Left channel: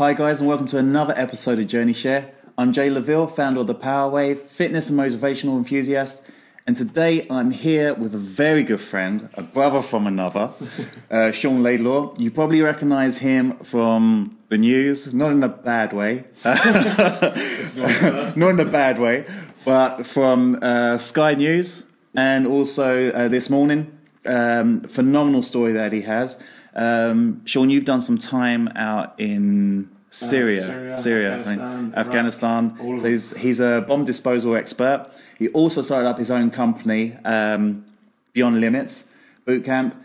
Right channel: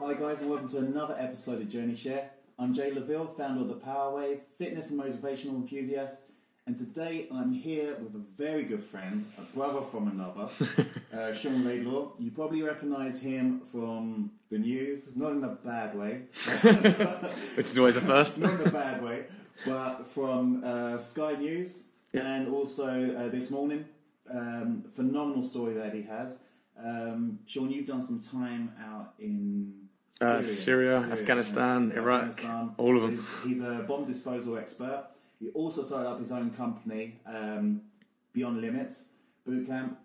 Hi guys and welcome to another episode of Journey Share. I'm Jay Laville, founder of the PowerWave, fitness and motivational enthusiast. And today I'm here with a very good friend, a brother from another, Sean Laidlaw. You probably recognise him from the news, not in a bad way. This is one of the first. Not in a bad way, but from Sky News and also this morning. Phenomenal story that he has. Sean, you've done some time out in Syria, Afghanistan. All of so he's a bomb disposal expert. He also started up his own company, Beyond Limits Boot Camp.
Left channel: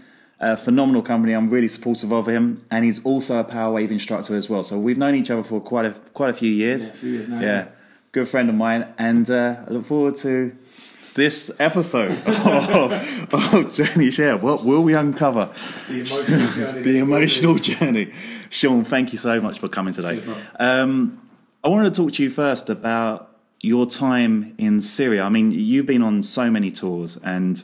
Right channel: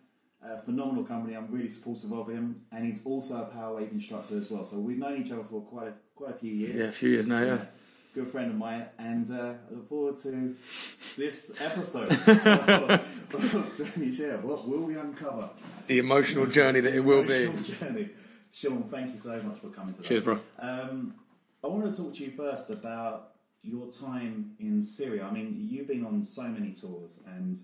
Phenomenal company. I'm really supportive of him, and he's also a PowerWave instructor as well. So we've known each other for quite a few years. Yeah, a few years now. Yeah, good friend of mine, and I look forward to this episode of Journey Share. What will we uncover? The emotional journey. The emotional journey. Sean, thank you so much for coming today. Cheers, bro. I wanted to talk to you first about your time in Syria. I mean, you've been on so many tours, and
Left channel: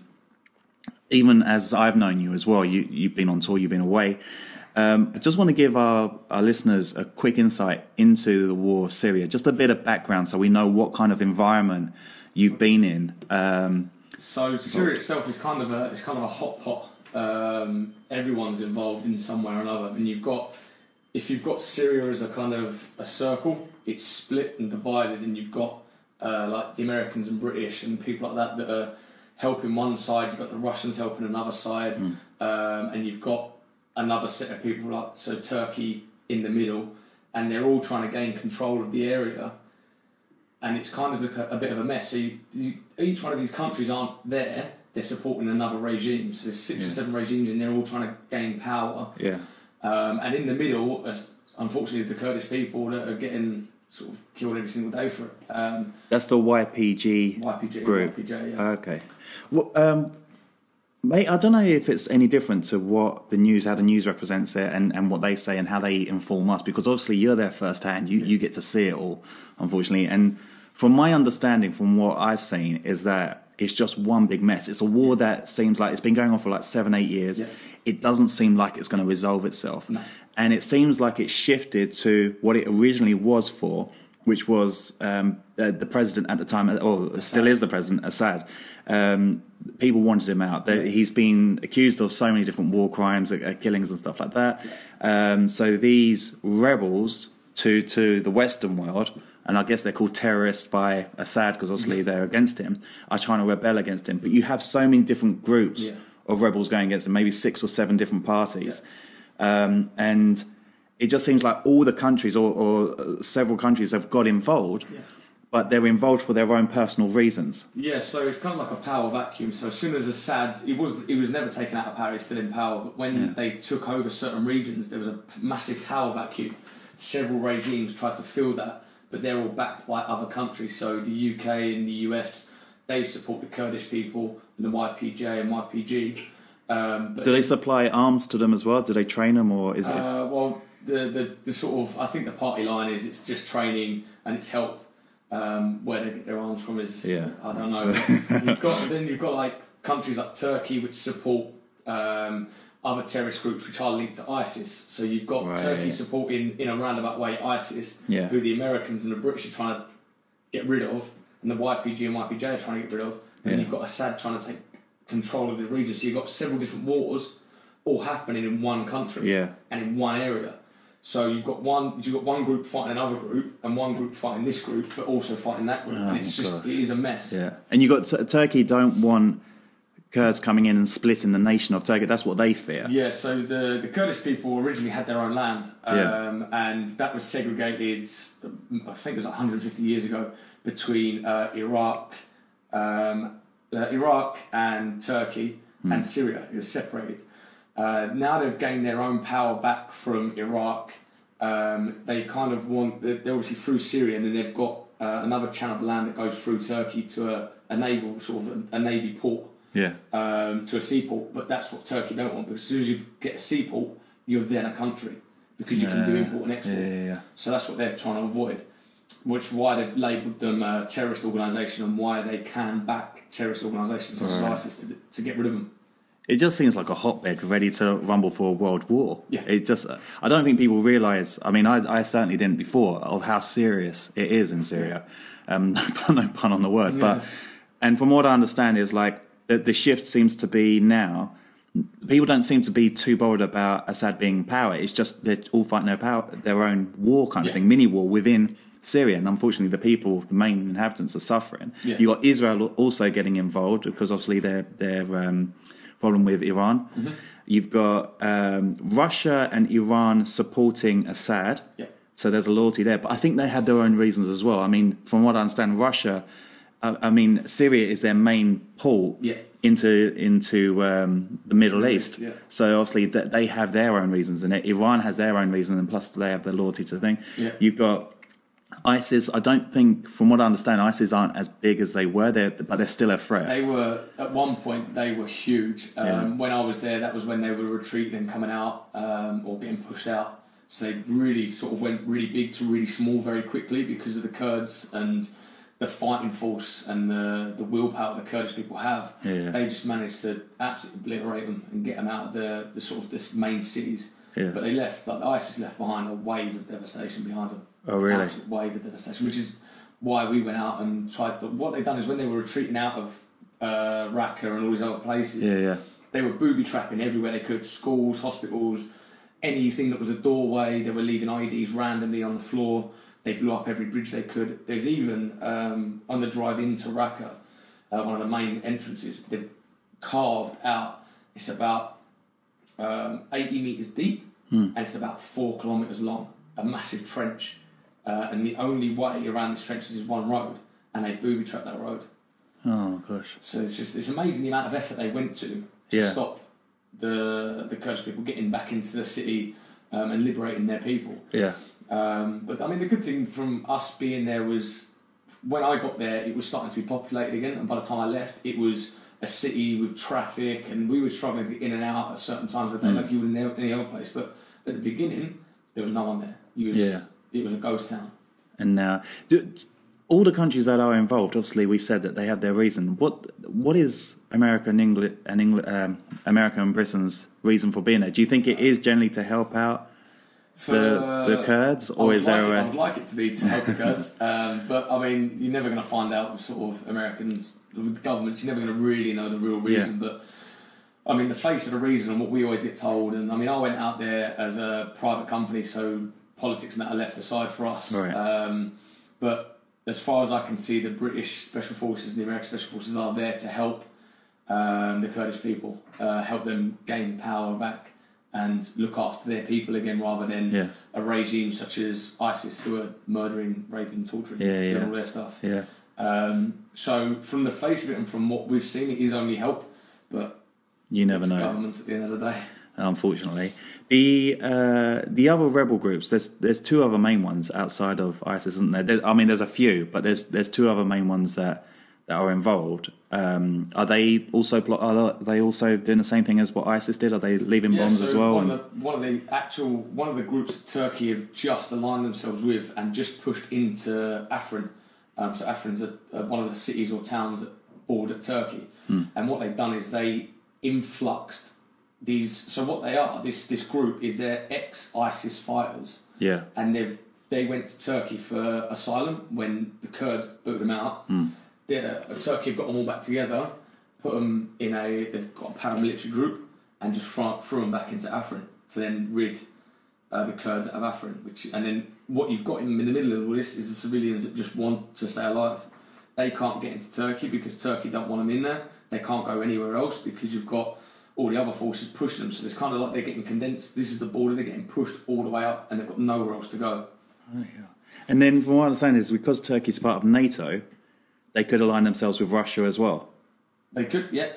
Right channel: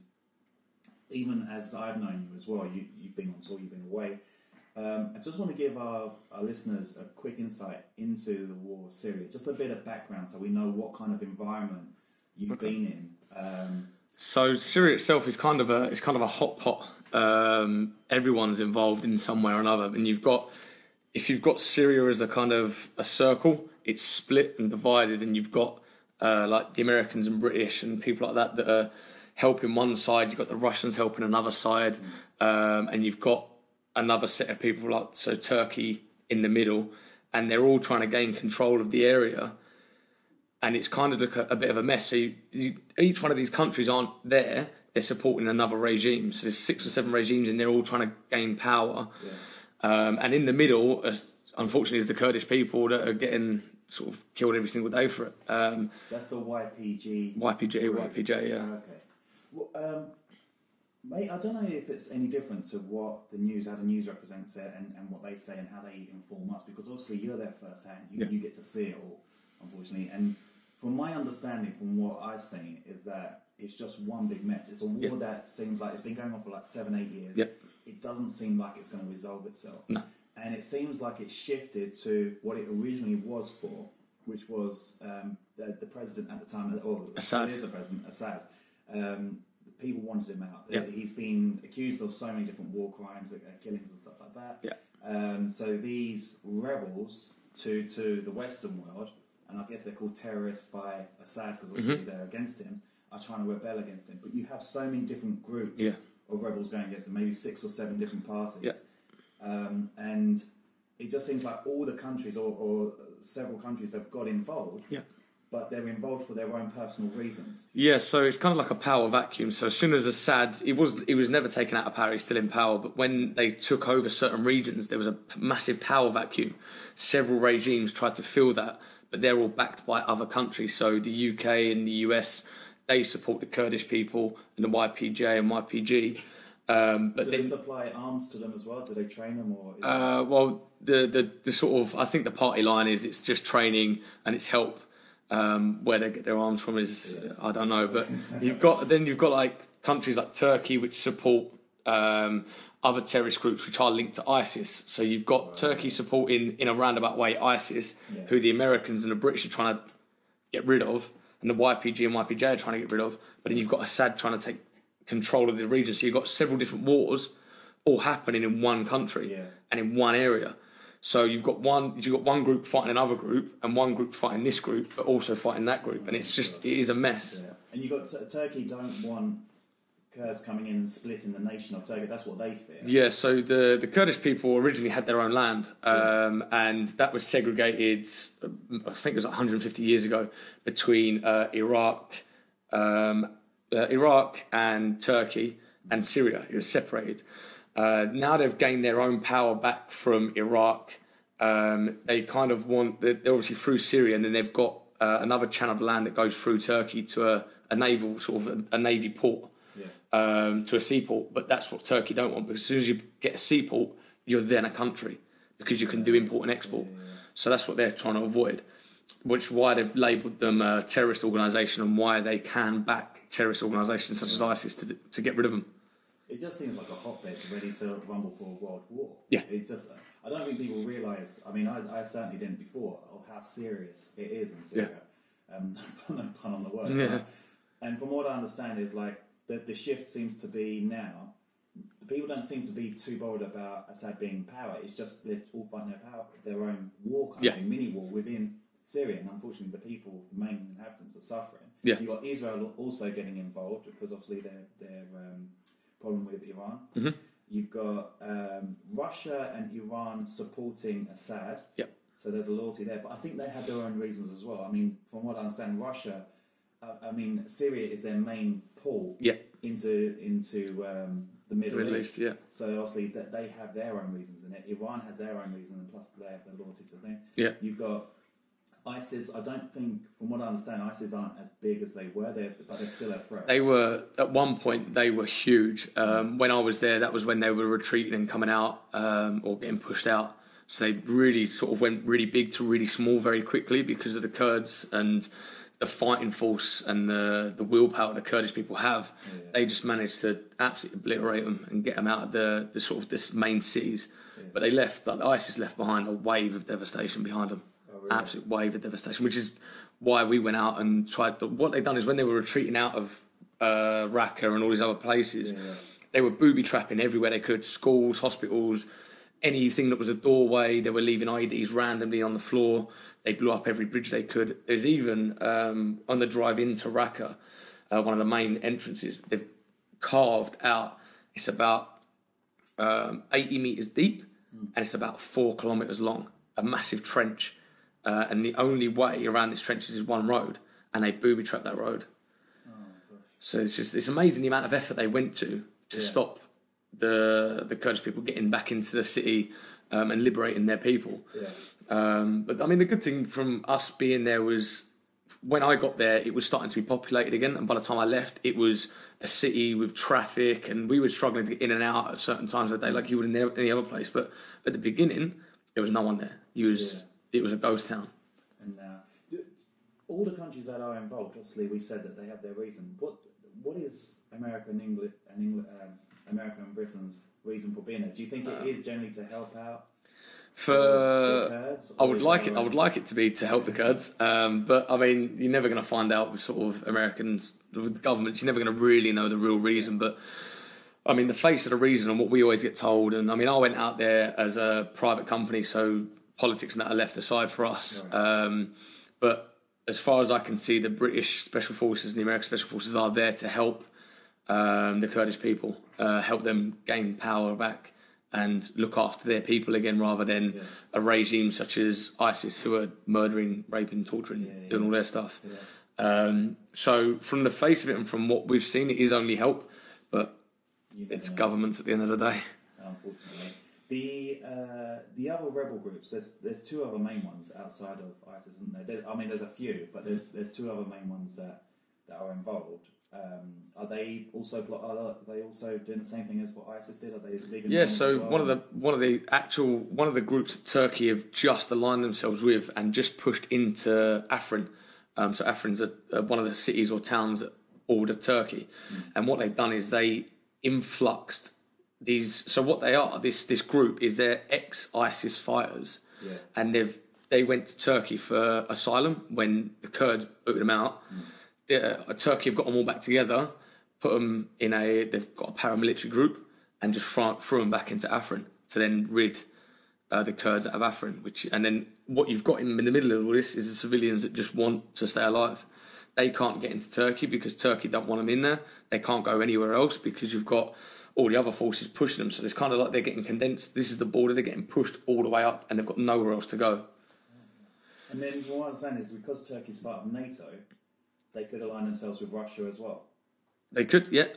even as I've known you as well, you've been on tour, you've been away. I just want to give our listeners a quick insight into the war of Syria, just a bit of background so we know what kind of environment you've been in. So Syria itself is kind of a hot pot. Everyone's involved in some way or another, and if you've got Syria as a kind of a circle, it's split and divided, and you've got like the Americans and British and people like that are helping one side. You've got the Russians helping another side, and you've got another set of people like Turkey in the middle, and they're all trying to gain control of the area. And it's kind of a bit of a mess. So each one of these countries aren't there. They're supporting another regime. So there's 6 or 7 regimes, and they're all trying to gain power. Yeah. And in the middle, unfortunately, is the Kurdish people that are getting sort of killed every single day for it. That's the YPG group. YPJ, yeah. Okay. Well, mate, I don't know if it's any different to how the news represents it and what they say and how they inform us, because obviously you're there firsthand. You get to see it all, unfortunately. And from my understanding, from what I've seen, is that it's just one big mess. It's a war that seems like it's been going on for like 7-8 years. Yeah. It doesn't seem like it's going to resolve itself. No. And it seems like it's shifted to what it originally was for, which was the president at the time, or Assad. Still is the president, Assad. People wanted him out. He's been accused of so many different war crimes, killings and stuff like that. Yeah. So these rebels to the Western world, and I guess they're called terrorists by Assad because obviously they're against him, are trying to rebel against him. But you have so many different groups of rebels going against him, maybe 6 or 7 different parties. Yeah. And it just seems like all the countries or several countries have got involved, but they're involved for their own personal reasons. Yeah, so it's kind of like a power vacuum. So as soon as Assad, he was never taken out of power, he's still in power, but when they took over certain regions, there was a massive power vacuum. Several regimes tried to fill that, but they're all backed by other countries. So the UK and the US, they support the Kurdish people and the YPJ and YPG. But do they supply arms to them as well? Do they train them, or is this? Well, the sort of, I think the party line is it's just training and it's help. Where they get their arms from is I don't know. But you've got like countries like Turkey which support other terrorist groups which are linked to ISIS. So you've got Turkey supporting in a roundabout way ISIS, who the Americans and the British are trying to get rid of, and the YPG and YPJ are trying to get rid of. And you've got Assad trying to take control of the region. So you've got several different wars all happening in one country and in one area. So you've got one group fighting another group, and one group fighting this group, but also fighting that group, and it is a mess. Yeah, and you got Turkey don't want Kurds coming in and splitting the nation of Turkey. That's what they fear. Yeah. So the Kurdish people originally had their own land, and that was segregated. I think it was 150 years ago between Iraq and Turkey and Syria. It was separated. Now they've gained their own power back from Iraq. They kind of they're obviously through Syria, and then they've got another channel of land that goes through Turkey to a naval sort of a navy port, to a seaport. But that's what Turkey don't want, because as soon as you get a seaport, you're then a country because you can do import and export. So that's what they're trying to avoid, which is why they've labelled them a terrorist organisation, and why they can back terrorist organisations such as ISIS to get rid of them. it just seems like a hotbed ready to rumble for a world war. Yeah. It just, I don't think people realise, I mean, I certainly didn't before, of how serious it is in Syria. No pun on the word. But, and from what I understand is like, the shift seems to be now, people don't seem to be too bothered about Assad being in power. It's just they're all fighting their own war kind of thing, mini war within Syria. And unfortunately, the people, the main inhabitants, are suffering. Yeah. You've got Israel also getting involved because obviously their problem with Iran. Mm-hmm. You've got Russia and Iran supporting Assad. Yeah. So there's a loyalty there. But I think they had their own reasons as well. I mean, from what I understand, Russia, Syria is their main port into the Middle East. Yeah. So obviously they have their own reasons, and Iran has their own reasons, and plus they have the loyalty to the thing. Yeah. You've got ISIS. I don't think, from what I understand, ISIS aren't as big as they were, but they're still a threat. They were, at one point, they were huge. When I was there, that was when they were retreating and coming out or getting pushed out. So they really sort of went really big to really small very quickly because of the Kurds and the fighting force and the willpower the Kurdish people have. Yeah. They just managed to absolutely obliterate them and get them out of the sort of this main cities. Yeah. But they left, like ISIS left behind a wave of devastation behind them. Oh, really? Absolute wave of devastation, which is why we went out and tried. What they've done is when they were retreating out of Raqqa and all these other places, they were booby trapping everywhere they could, schools, hospitals, anything that was a doorway. They were leaving IEDs randomly on the floor. They blew up every bridge they could. There's even, on the drive into Raqqa, one of the main entrances, they've carved out, it's about 80 metres deep, and it's about 4 kilometres long, a massive trench. And the only way around this trench is one road, and they booby-trapped that road. Oh, gosh. So it's amazing the amount of effort they went to stop the Kurdish people getting back into the city and liberating their people. Yeah. But I mean, the good thing from us being there was when I got there, it was starting to be populated again. And by the time I left, it was a city with traffic, and we were struggling to get in and out at certain times of the day, like you would in any other place. But at the beginning, there was no one there. It was a ghost town. And now, all the countries that are involved, obviously, we said that they have their reason. What is America and Britain's reason for being there? Do you think it is generally to help out for the Kurds, or I would like it to be to help the Kurds, but I mean, you're never going to find out with sort of Americans, with the governments. You're never going to really know the real reason. But I mean, the face of the reason and what we always get told. And I mean, I went out there as a private company, so politics and that are left aside for us. Right. But as far as I can see, the British Special Forces and the American Special Forces are there to help the Kurdish people, help them gain power back and look after their people again, rather than a regime such as ISIS, who are murdering, raping, torturing, doing all their stuff. Yeah. So from the face of it and from what we've seen, it is only help, but you never know. Governments at the end of the day. Unfortunately. The other rebel groups, there's two other main ones outside of ISIS, isn't there? I mean, there's a few, but there's two other main ones that are involved. Are they also doing the same thing as what ISIS did? Are they leaving bombs as well? One of the groups that Turkey have just aligned themselves with and just pushed into Afrin. So Afrin's one of the cities or towns that border Turkey, and what they've done is they influxed these. So what they are, this group is they're ex-ISIS fighters. Yeah, and they went to Turkey for asylum when the Kurds booted them out. Turkey have got them all back together, put them in they've got a paramilitary group, and just threw them back into Afrin to then rid the Kurds out of Afrin. And then what you've got in the middle of all this is the civilians that just want to stay alive. They can't get into Turkey because Turkey don't want them in there. They can't go anywhere else because you've got all the other forces pushing them. So it's kind of like they're getting condensed. This is the border. They're getting pushed all the way up, and they've got nowhere else to go. Oh, yeah. And then from what I understand is because Turkey's part of NATO, they could align themselves with Russia as well. They could, yeah.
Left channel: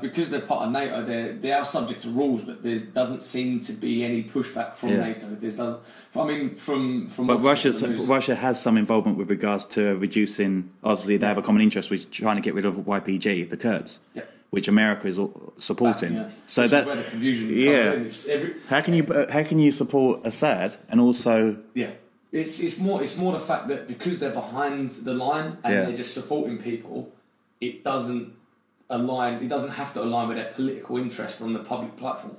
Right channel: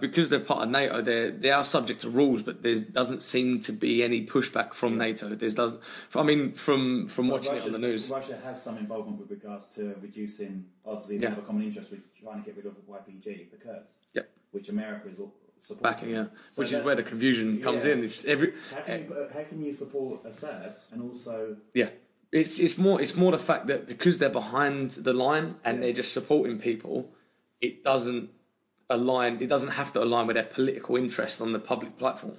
Because they're part of NATO, they are subject to rules, but there doesn't seem to be any pushback from NATO. But Russia has some involvement with regards to reducing. Obviously, they have a common interest with trying to get rid of YPG, the Kurds, which America is supporting. So that's where the confusion comes in. How can you support Assad and also? Yeah. It's more the fact that because they're behind the line and they're just supporting people, it doesn't align. It doesn't have to align with their political interest on the public platform,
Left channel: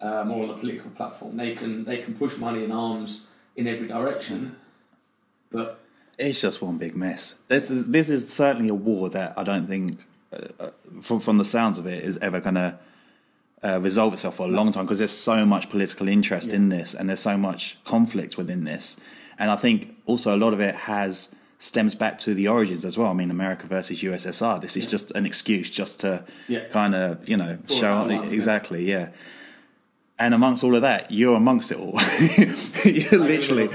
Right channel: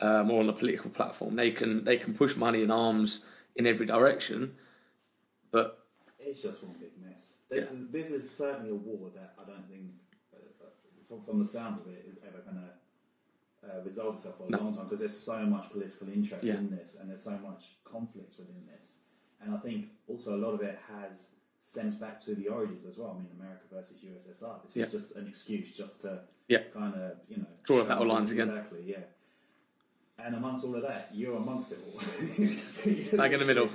more on the political platform. They can push money and arms in every direction, but it's just one big mess. This is certainly a war that I don't think, from the sounds of it, is ever going to resolve itself for a long time, because there's so much political interest in this, and there's so much conflict within this. And I think also a lot of it stems back to the origins as well. I mean, America versus USSR. This is just an excuse just to kind of, show exactly, And amongst all of that, you're amongst it all. You're literally,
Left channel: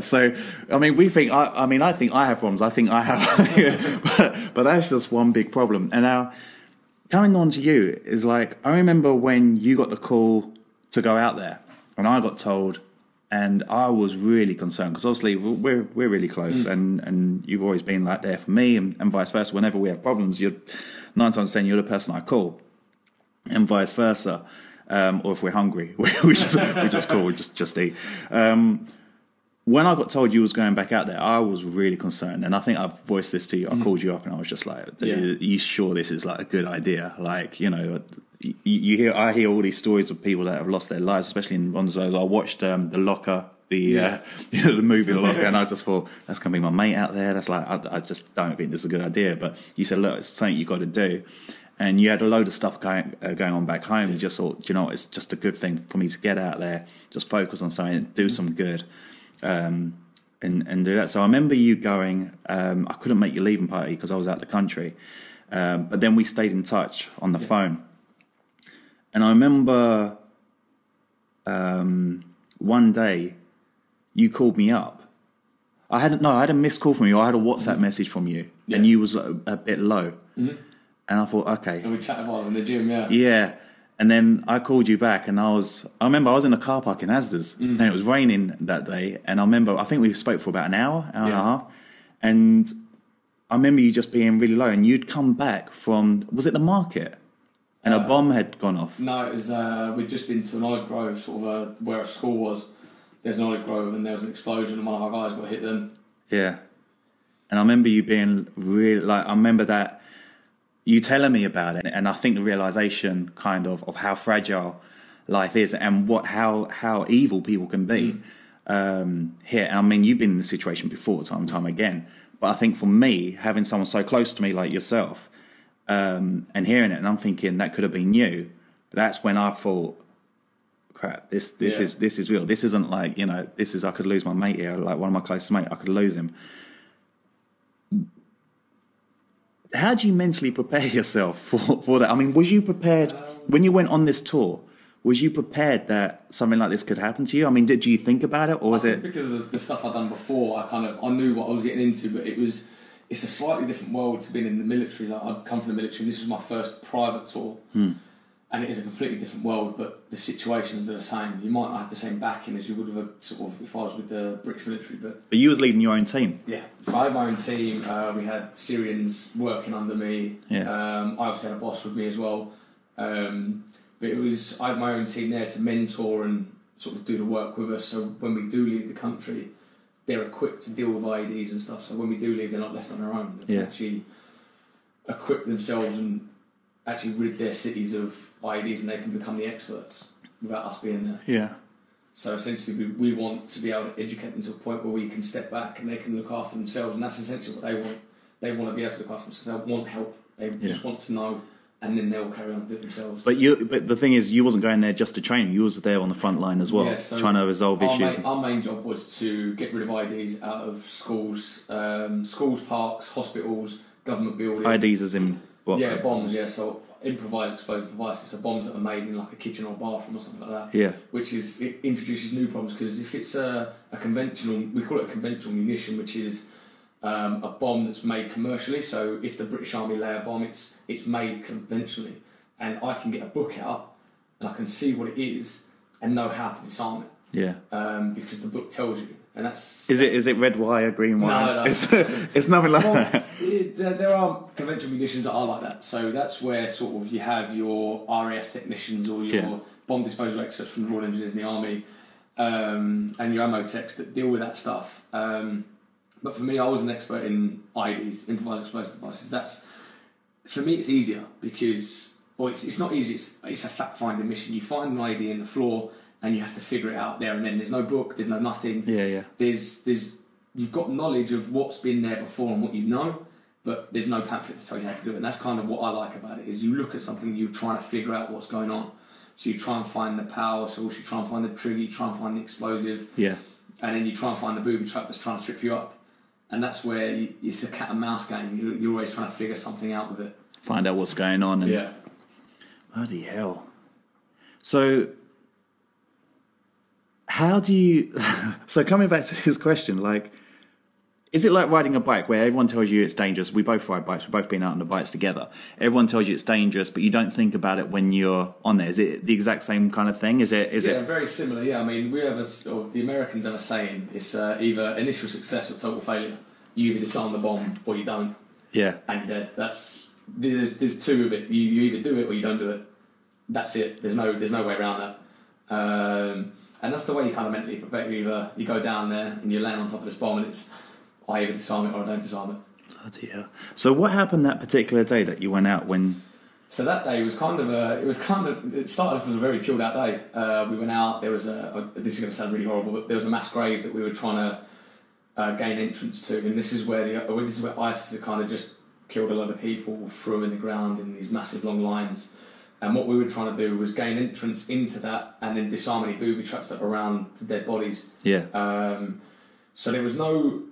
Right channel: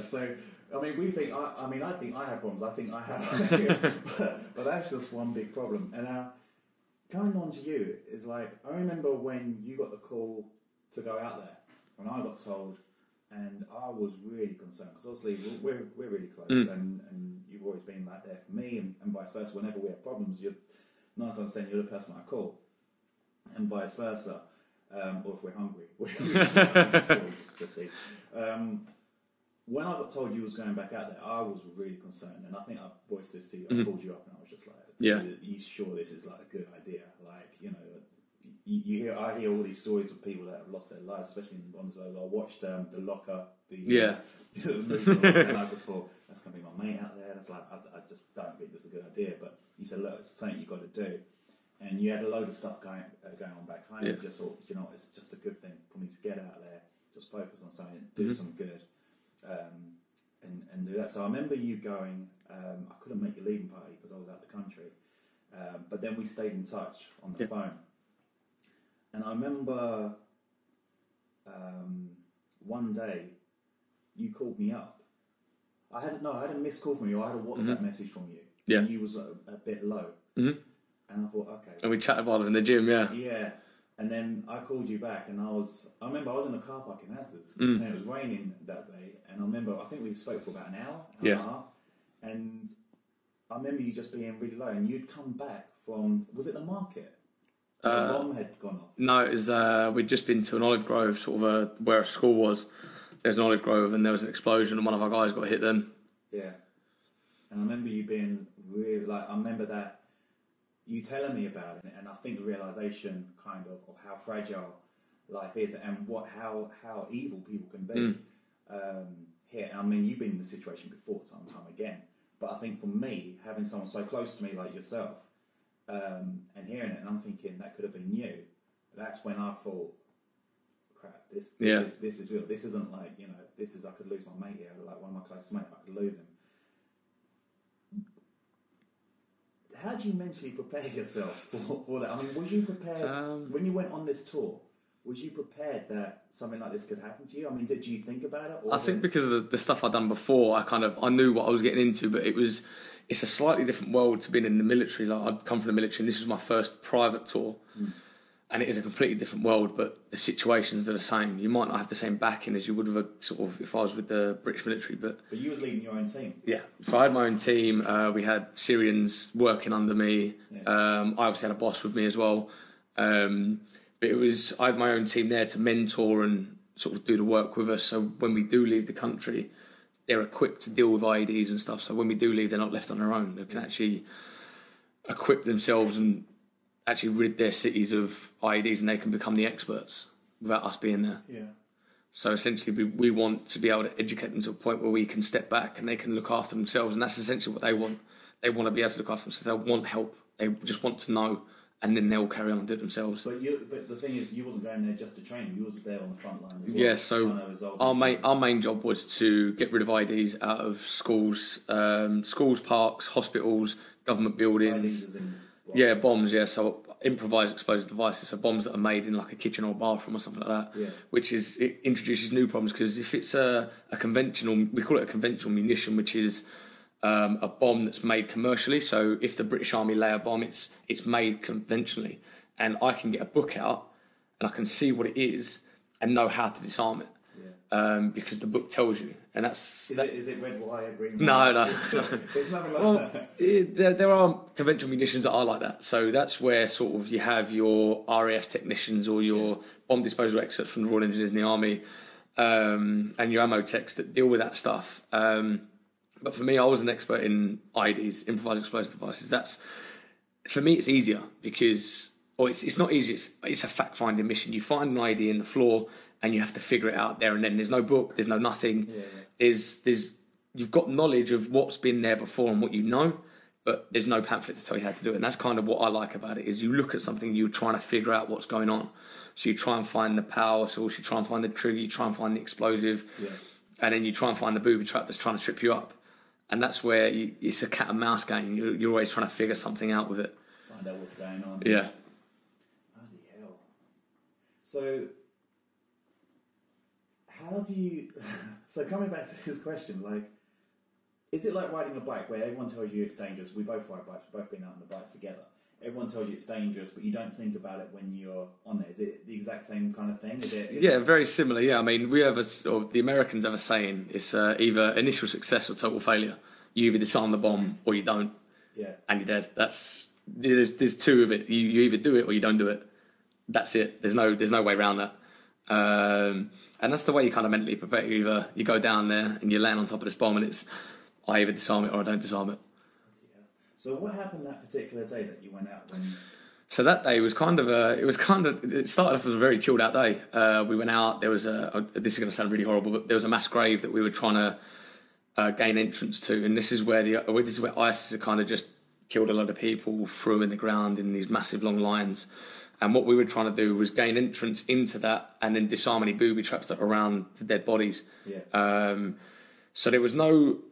So, I mean, I think I have problems. I think I have, but that's just one big problem. And now, coming on to you is like, I remember when you got the call to go out there, and I got told, and I was really concerned, because obviously we're really close, and you've always been like there for me, and vice versa. Whenever we have problems, 9 times out of 10 you're the person I call, and vice versa. Or if we're hungry, we just call, we just eat. When I got told you was going back out there, I was really concerned, and I think I voiced this to you. I called you up, and I was just like, "Are you sure this is like a good idea?" Like, I hear all these stories of people that have lost their lives, especially in one of those. I watched The Locker, the movie The Locker, and I just thought, that's gonna be my mate out there. That's like, I just don't think this is a good idea. But you said, look, it's something you got to do. And you had a load of stuff going on back home. You just thought, it's just a good thing for me to get out there, just focus on something, do some good, and do that. So I remember you going. I couldn't make your leaving party because I was out the country, but then we stayed in touch on the phone. And I remember one day you called me up. I had a missed call from you. I had a WhatsApp message from you, and you was a bit low. And I thought, okay. And we chatted while I was in the gym, Yeah. And then I called you back, and I remember I was in a car park in Asda's, and it was raining that day. And I think we spoke for about an hour and a half. And I remember you just being really low, and you'd come back from, was it the market? And a bomb had gone off. No, it was, we'd just been to an olive grove, sort of where a school was. There's an olive grove, and there was an explosion, and one of our guys got hit then. Yeah. And I remember you being really, I remember that, you telling me about it, and I think the realization kind of how fragile life is, and how evil people can be here. And I mean, you've been in this situation before, time and time again. But I think for me, having someone so close to me like yourself, and hearing it, and I'm thinking that could have been you. That's when I thought, crap, this is real. This isn't like, this is, I could lose my mate here, like one of my closest mates, I could lose him. How do you mentally prepare yourself for that? I mean, was you prepared when you went on this tour? Was you prepared that something like this could happen to you? I mean, did you think about it, or was it because of the stuff I'd done before? I knew what I was getting into, but it's a slightly different world to being in the military. Like, I'd come from the military, and this was my first private tour, and it is a completely different world. But the situations are the same. You might not have the same backing as you would have if I was with the British military, but you was leading your own team. Yeah, so I had my own team. We had Syrians working under me. Yeah. I obviously had a boss with me as well. But I had my own team there to mentor and sort of do the work with us. So when we do leave the country, they're equipped to deal with IEDs and stuff. So when we do leave, they're not left on their own. They can actually equip themselves and actually rid their cities of IEDs, and they can become the experts without us being there. Yeah. So essentially, we want to be able to educate them to a point where we can step back and they can look after themselves, and that's essentially what they want. They want to be able to look after themselves. They want help. They just want to know, and then they'll carry on and do it themselves. But the thing is, you wasn't going there just to train. You was there on the front line as well, trying to resolve issues. Our main job was to get rid of IEDs out of schools, parks, hospitals, government buildings. IEDs as in what? Yeah, bombs. Yeah, so improvised explosive devices, so bombs that are made in like a kitchen or a bathroom or something like that. Yeah. It introduces new problems, because if it's a conventional, we call it a conventional munition, which is a bomb that's made commercially. So if the British Army lay a bomb, it's made conventionally, and I can get a book out and I can see what it is and know how to disarm it. Yeah. Because the book tells you. And is it red wire, green wire? No. It's nothing like that. There are conventional munitions that are like that. So that's where sort of you have your RAF technicians or your bomb disposal experts from the Royal Engineers and the Army, and your ammo techs that deal with that stuff. But for me, I was an expert in IEDs, improvised explosive devices. for me, it's easier because, or it's not easy. It's a fact-finding mission. You find an idea in the floor, and you have to figure it out there and then. There's no book. There's no nothing. Yeah. You've got knowledge of what's been there before and what you know, but there's no pamphlet to tell you how to do it. And that's kind of what I like about it. Is you look at something, you're trying to figure out what's going on. So you try and find the power source, you try and find the trigger, you try and find the explosive, and then you try and find the booby trap that's trying to trip you up. And that's where it's a cat and mouse game. You're always trying to figure something out with it. Find out what's going on. And bloody hell. So, how do you... So coming back to this question, like, is it like riding a bike where everyone tells you it's dangerous? We both ride bikes. We've both been out on the bikes together. Everyone tells you it's dangerous, but you don't think about it when you're on there. Is it the exact same kind of thing? Is it? Very similar. Yeah, I mean, the Americans have a saying: it's either initial success or total failure. You either disarm the bomb or you don't. Yeah, and you're dead. There's two of it. You either do it or you don't do it. That's it. There's no way around that. And that's the way you kind of mentally prepare. Either you go down there and you land on top of this bomb, and it's I either disarm it or I don't disarm it. Bloody hell. So what happened that particular day that you went out when? So that day was it started off as a very chilled out day. We went out, there was this is going to sound really horrible, but there was a mass grave that we were trying to gain entrance to, and this is where ISIS had kind of just killed a lot of people, threw them in the ground in these massive long lines. And what we were trying to do was gain entrance into that and then disarm any booby traps that were around the dead bodies. Yeah. So there's no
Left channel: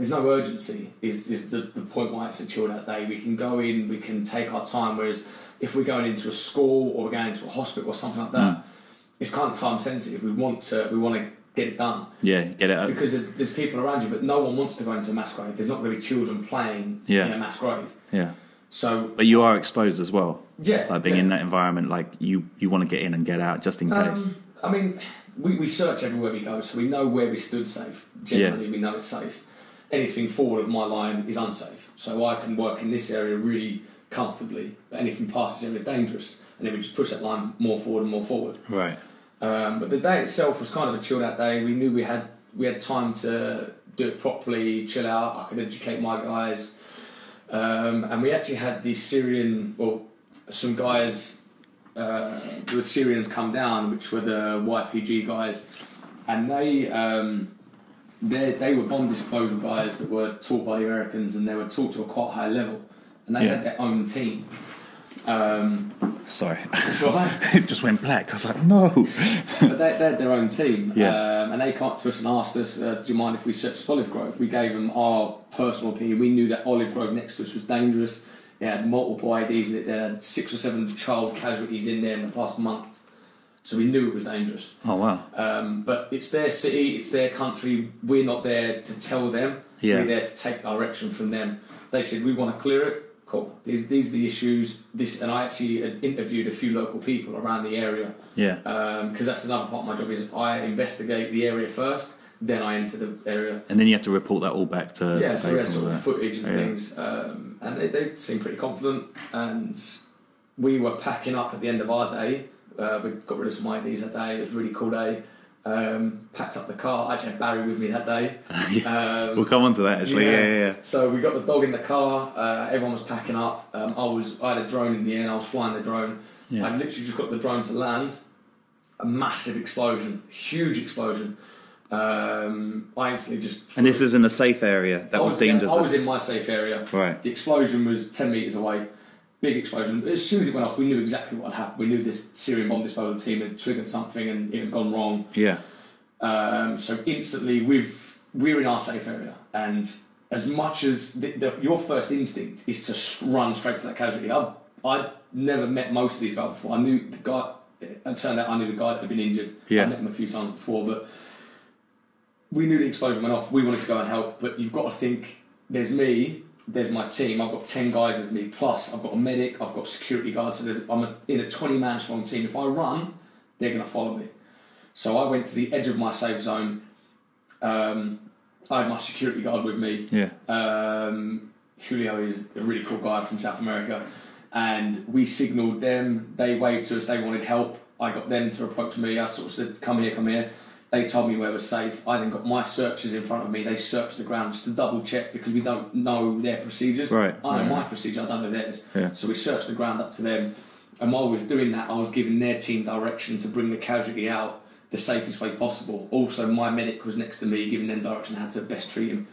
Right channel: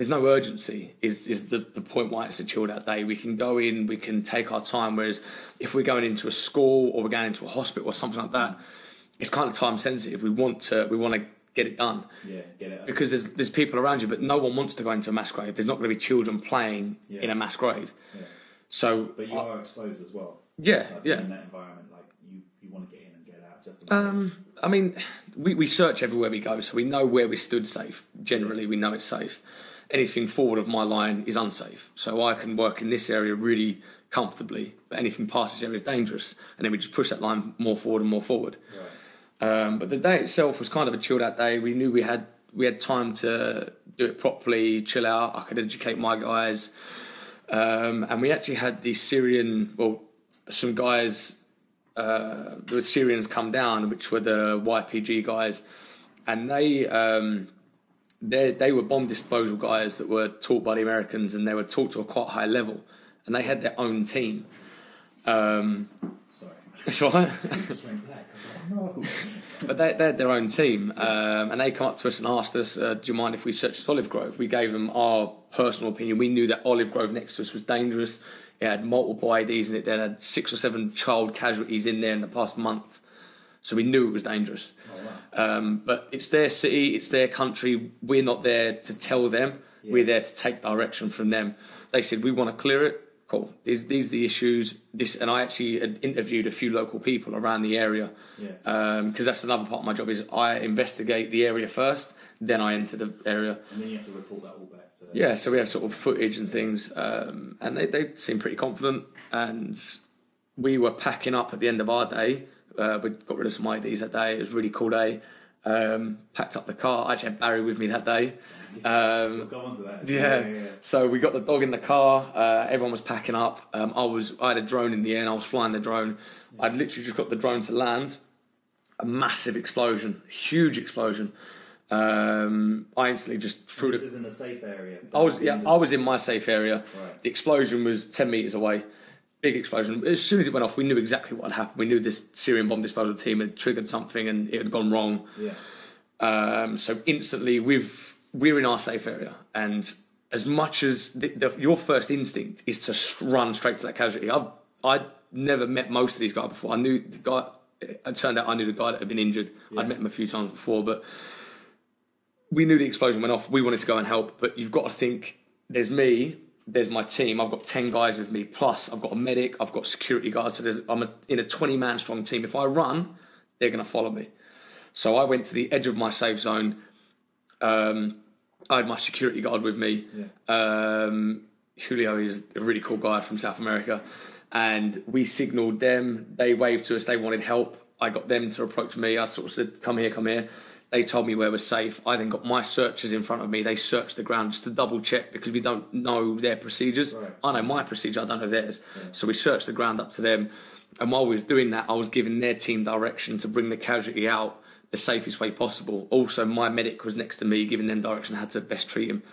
urgency is the point why it's a chilled out day. We can go in, we can take our time, whereas if we're going into a school or we're going into a hospital or something like that, it's kind of time sensitive. We want to get it done. Yeah, get it over. Because there's people around you, but no one wants to go into a mass grave. There's not going to be children playing in a mass grave. Yeah. So, but you are exposed as well. Yeah. Like being in that environment, like you want to get in and get out just in case. I mean, we search everywhere we go, so we know where we stood safe. Generally, we know it's safe. Anything forward of my line is unsafe. So I can work in this area really comfortably, but anything past this area is dangerous. And then we just push that line more forward and more forward. Right. But the day itself was kind of a chilled out day. We knew we had time to do it properly, chill out. I could educate my guys. And we actually had some guys, the Syrians come down, which were the YPG guys, and they were bomb disposal guys that were taught by the Americans, and they were taught to a quite high level, and they had their own team. Sorry. That's all right. It just went black. I was like, no. But they had their own team, and they came up to us and asked us, do you mind if we searched Olive Grove? We gave them our personal opinion. We knew that Olive Grove next to us was dangerous. It had multiple IDs in it. They had 6 or 7 child casualties in there in the past month. So we knew it was dangerous. Oh, wow. But it's their city, it's their country. We're not there to tell them. Yeah. We're there to take direction from them. They said, we want to clear it. Cool. These are the issues. And I actually interviewed a few local people around the area. Yeah. Because that's another part of my job is I investigate the area first, then I enter the area. And then you have to report that all back to... Yeah, so we had sort of footage and things. And they seemed pretty confident. And we were packing up at the end of our day. We got rid of some IDs that day. It was a really cool day. Packed up the car. I actually had Barry with me that day. We'll come on to that actually. Yeah. So we got the dog in the car. Everyone was packing up. I had a drone in the air and I was flying the drone. Yeah. I'd literally just got the drone to land. A massive explosion, huge explosion. I instantly just... And this is in a safe area that was deemed as... I was in my safe area. Right. The explosion was 10 metres away. Big explosion. As soon as it went off, we knew exactly what had happened. We knew this Syrian bomb disposal team had triggered something and it had gone wrong. Yeah. So instantly, we're in our safe area, and as much as your first instinct is to run straight to that casualty. I'd never met most of these guys before. I knew the guy. It turned out I knew the guy that had been injured. Yeah. I met him a few times before, but we knew the explosion went off. We wanted to go and help, but you've got to think. There's me. There's my team. I've got 10 guys with me. Plus, I've got a medic. I've got security guards. So I'm in a 20-man strong team. If I run, they're going to follow me. So I went to the edge of my safe zone. I had my security guard with me. Yeah. Julio is a really cool guy from South America. And we signalled them. They waved to us. They wanted help. I got them to approach me. I sort of said, come here. They told me where was safe. I then got my searchers in front of me. They searched the ground just to double check because we don't know their procedures. Right. I know my procedure, I don't know theirs. Yeah. So we searched the ground up to them. And while we was doing that, I was giving their team direction to bring the casualty out the safest way possible. Also, my medic was next to me, giving them direction how to best treat him.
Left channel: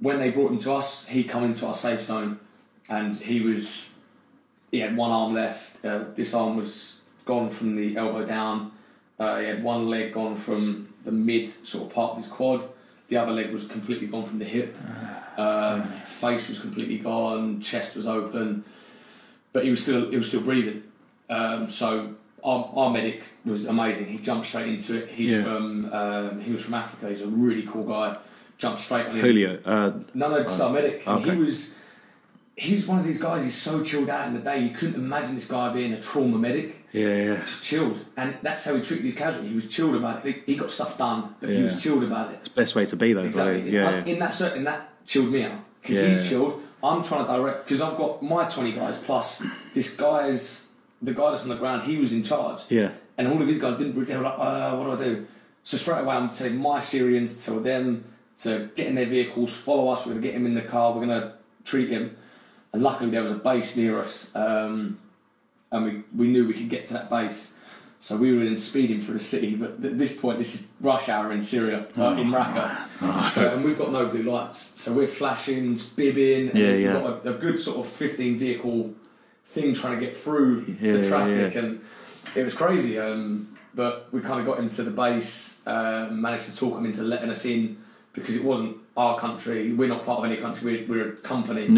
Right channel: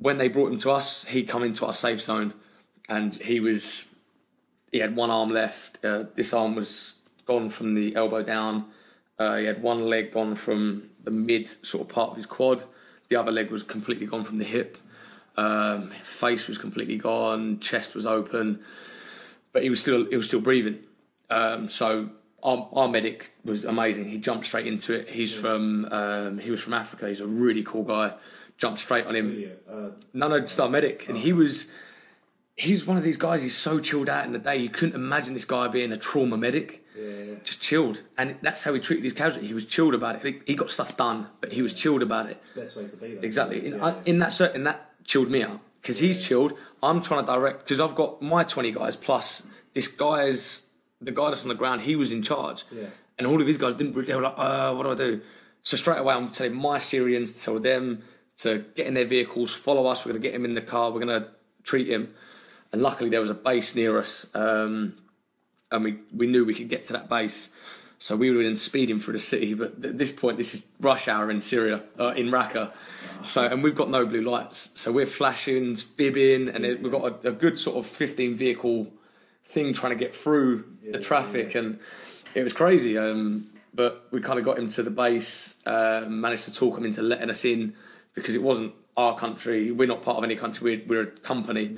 When they brought him to us, he come into our safe zone, and he had one arm left. This arm was gone from the elbow down. He had one leg gone from the mid sort of part of his quad. The other leg was completely gone from the hip. Face was completely gone. Chest was open, but he was still breathing. So our medic was amazing. He jumped straight into it. He was from Africa. He's a really cool guy. Jumped straight on him. Julio. Just our medic. And okay. He's one of these guys. He's so chilled out in the day. You couldn't imagine this guy being a trauma medic. Yeah. Just chilled, and that's how he treated his casualty. He was chilled about it. He got stuff done, but he was chilled about it. It's the best way to be, though. Exactly. In that chilled me out because he's chilled. I'm trying to direct because I've got my 20 guys plus this the guy that's on the ground. He was in charge. Yeah. And all of these guys didn't. They were like, what do I do? So straight away, I'm telling my Syrians to tell them to get in their vehicles, follow us. We're going to get him in the car. We're going to treat him. And luckily, there was a base near us, and we knew we could get to that base. So we were then speeding through the city. But at this point, this is rush hour in Syria, in Raqqa. And we've got no blue lights. So we're flashing, bibbing, and then we've got a good sort of 15 vehicle thing trying to get through the traffic. And it was crazy. But we kind of got him to the base, managed to talk him into letting us in because it wasn't our country. We're not part of any country. We're a company.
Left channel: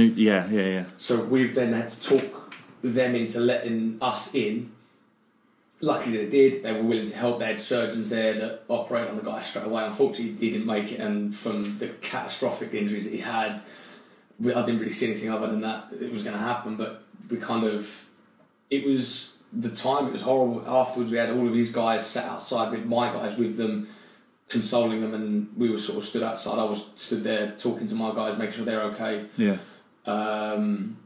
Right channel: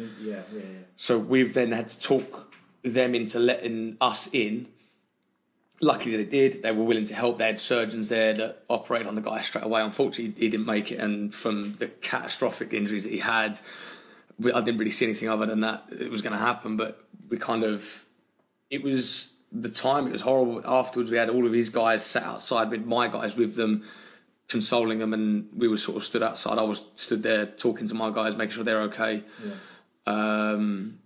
So we've then had to talk them into letting us in. Luckily they did. They were willing to help. They had surgeons there that operated on the guy straight away. Unfortunately, he didn't make it, and from the catastrophic injuries that he had, I didn't really see anything other than that it was going to happen. But it was the time. It was horrible. Afterwards, we had all of these guys sat outside with my guys with them, consoling them, and we were sort of stood outside. I was stood there talking to my guys, making sure they're okay. And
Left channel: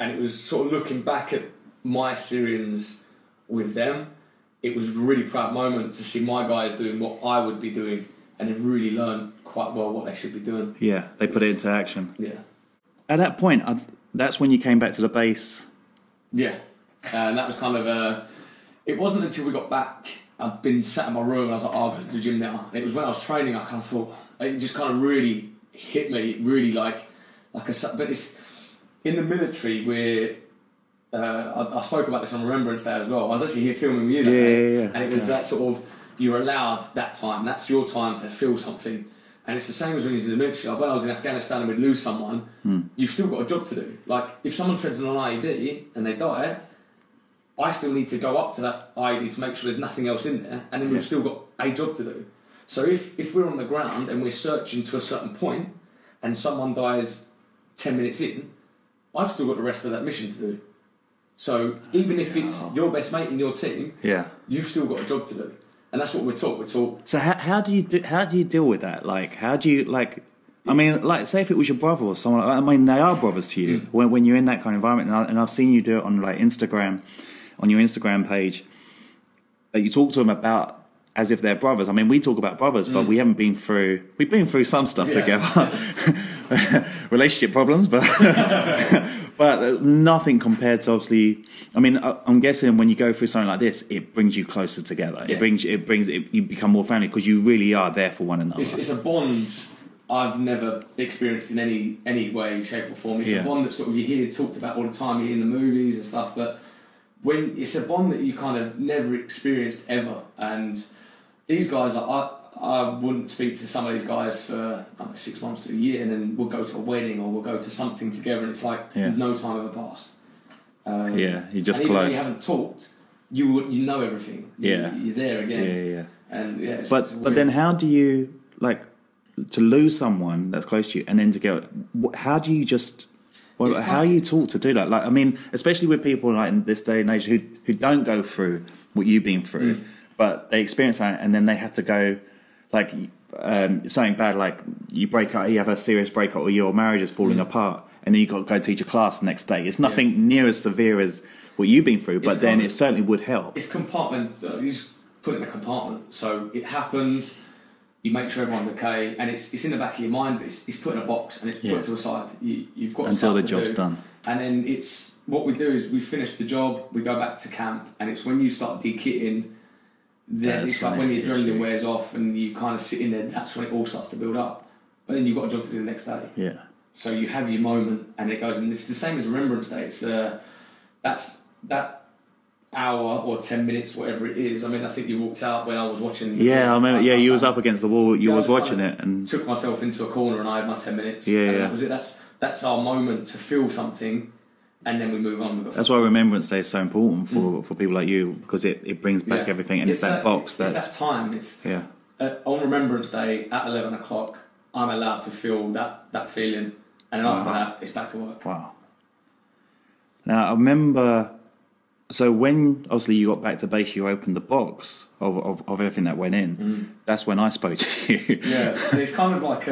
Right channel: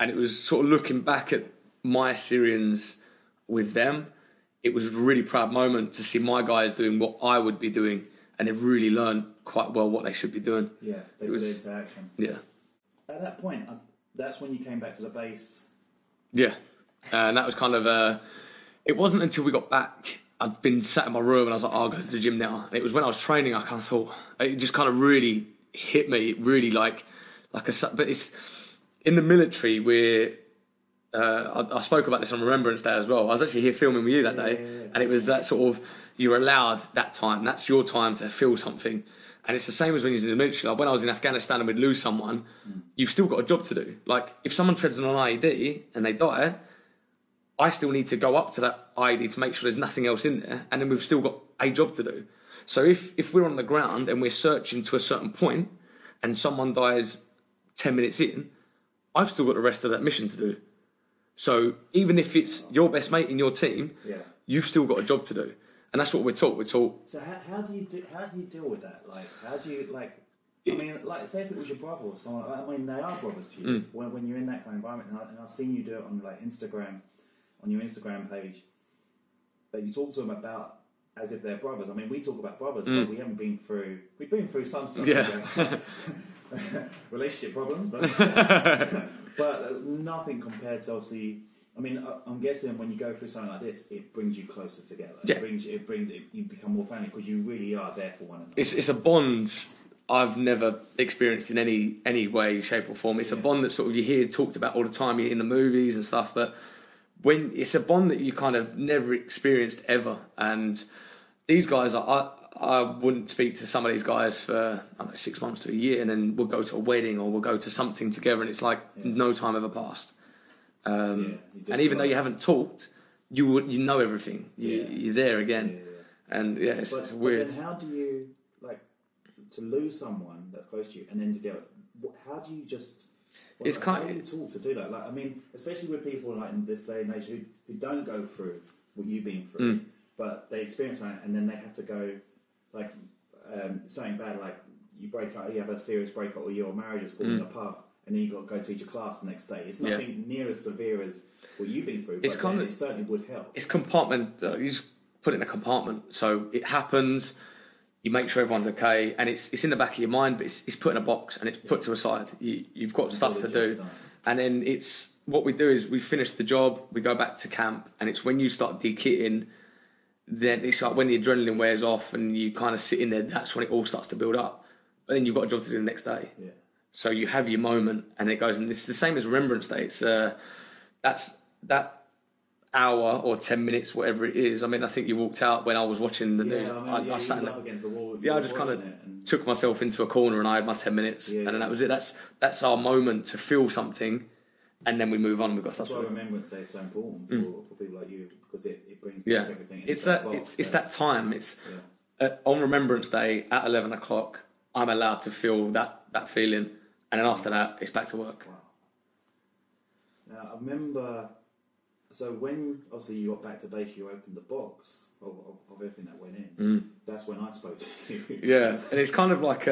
it was sort of looking back at my Syrians with them. It was a really proud moment to see my guys doing what I would be doing, and they've really learned quite well what they should be doing. Yeah, they put it into action. Yeah. At that point, that's when you came back to the base. Yeah, and that was kind of. It wasn't until we got back. I'd been sat in my room and I was like, I'll go to the gym now. And it was when I was training, I kind of thought, it just kind of really hit me, really like but it's in the military where I spoke about this on Remembrance Day as well. I was actually here filming with you that day. And it was that sort of, you're allowed that time. That's your time to feel something. And it's the same as when you're in the military. Like when I was in Afghanistan and we'd lose someone, you've still got a job to do. Like if someone treads on an IED and they die, I still need to go up to that IED to make sure there's nothing else in there, and then we've still got a job to do. So if we're on the ground and we're searching to a certain point and someone dies 10 minutes in, I've still got the rest of that mission to do. So even if it's your best mate in your team, you've still got a job to do. And that's what we're taught. We're taught. So how do you deal with that? Like, how do you, like, I mean, like, say if it was your brother or someone, I mean, they are brothers to you when you're in that kind of environment. And I've seen you do it on, like, Instagram, on your Instagram page, that you talk to them about as if they're brothers. I mean, we talk about brothers, but we've been through some stuff together. Relationship problems, but but nothing compared to, obviously, I mean, I'm guessing when you go through something like this, it brings you closer together. You become more family because you really are there for one another. It's a bond I've never experienced in any way, shape or form. It's a bond that sort of you hear talked about all the time, you hear in the movies and stuff, but when it's a bond that you kind of never experienced ever. And these guys, I wouldn't speak to some of these guys for 6 months to a year, and then we'll go to a wedding or we'll go to something together, and it's like no time ever passed. You just and even though you haven't talked, you know everything. You're there again. And but then how do you, like, to lose someone that's close to you and then to go? How do you just? Well, how you taught to do that? Like, I mean, especially with people like in this day and age who don't go through what you've been through, but they experience that and then they have to go, like, something bad, like you break up, you have a serious breakup, or your marriage is falling apart, and then you got to go teach a class the next day. It's nothing near as severe as what you've been through, but then it certainly would help. It's compartment. put it in a compartment. So it happens, you make sure everyone's okay, and it's in the back of your mind, but it's put in a box and it's put to a side. You've got until stuff the to job's do. done. And then it's what we do is we finish the job, we go back to camp, and it's when you start de-kitting, then it's like when the adrenaline wears off and you kind of sit in there, that's when it all starts to build up. But then you've got a job to do the next day. Yeah. So you have your moment and it goes, and it's the same as Remembrance Day. It's that's that hour or 10 minutes, whatever it is. I mean, I think you walked out when I was watching the I remember. You was up against the wall. You was watching it and took myself into a corner and I had my 10 minutes. And that was it. That's our moment to feel something, and then we move on. That's why Remembrance Day is so important for people like you, because it brings back everything, and it's that box. It's that time. It's on Remembrance Day at 11 o'clock. I'm allowed to feel that feeling, and then after that, it's back to work. Wow. Now I remember. So when obviously you got back to base, you opened the box of everything that went in. That's when I spoke to you. Yeah, and it's kind of like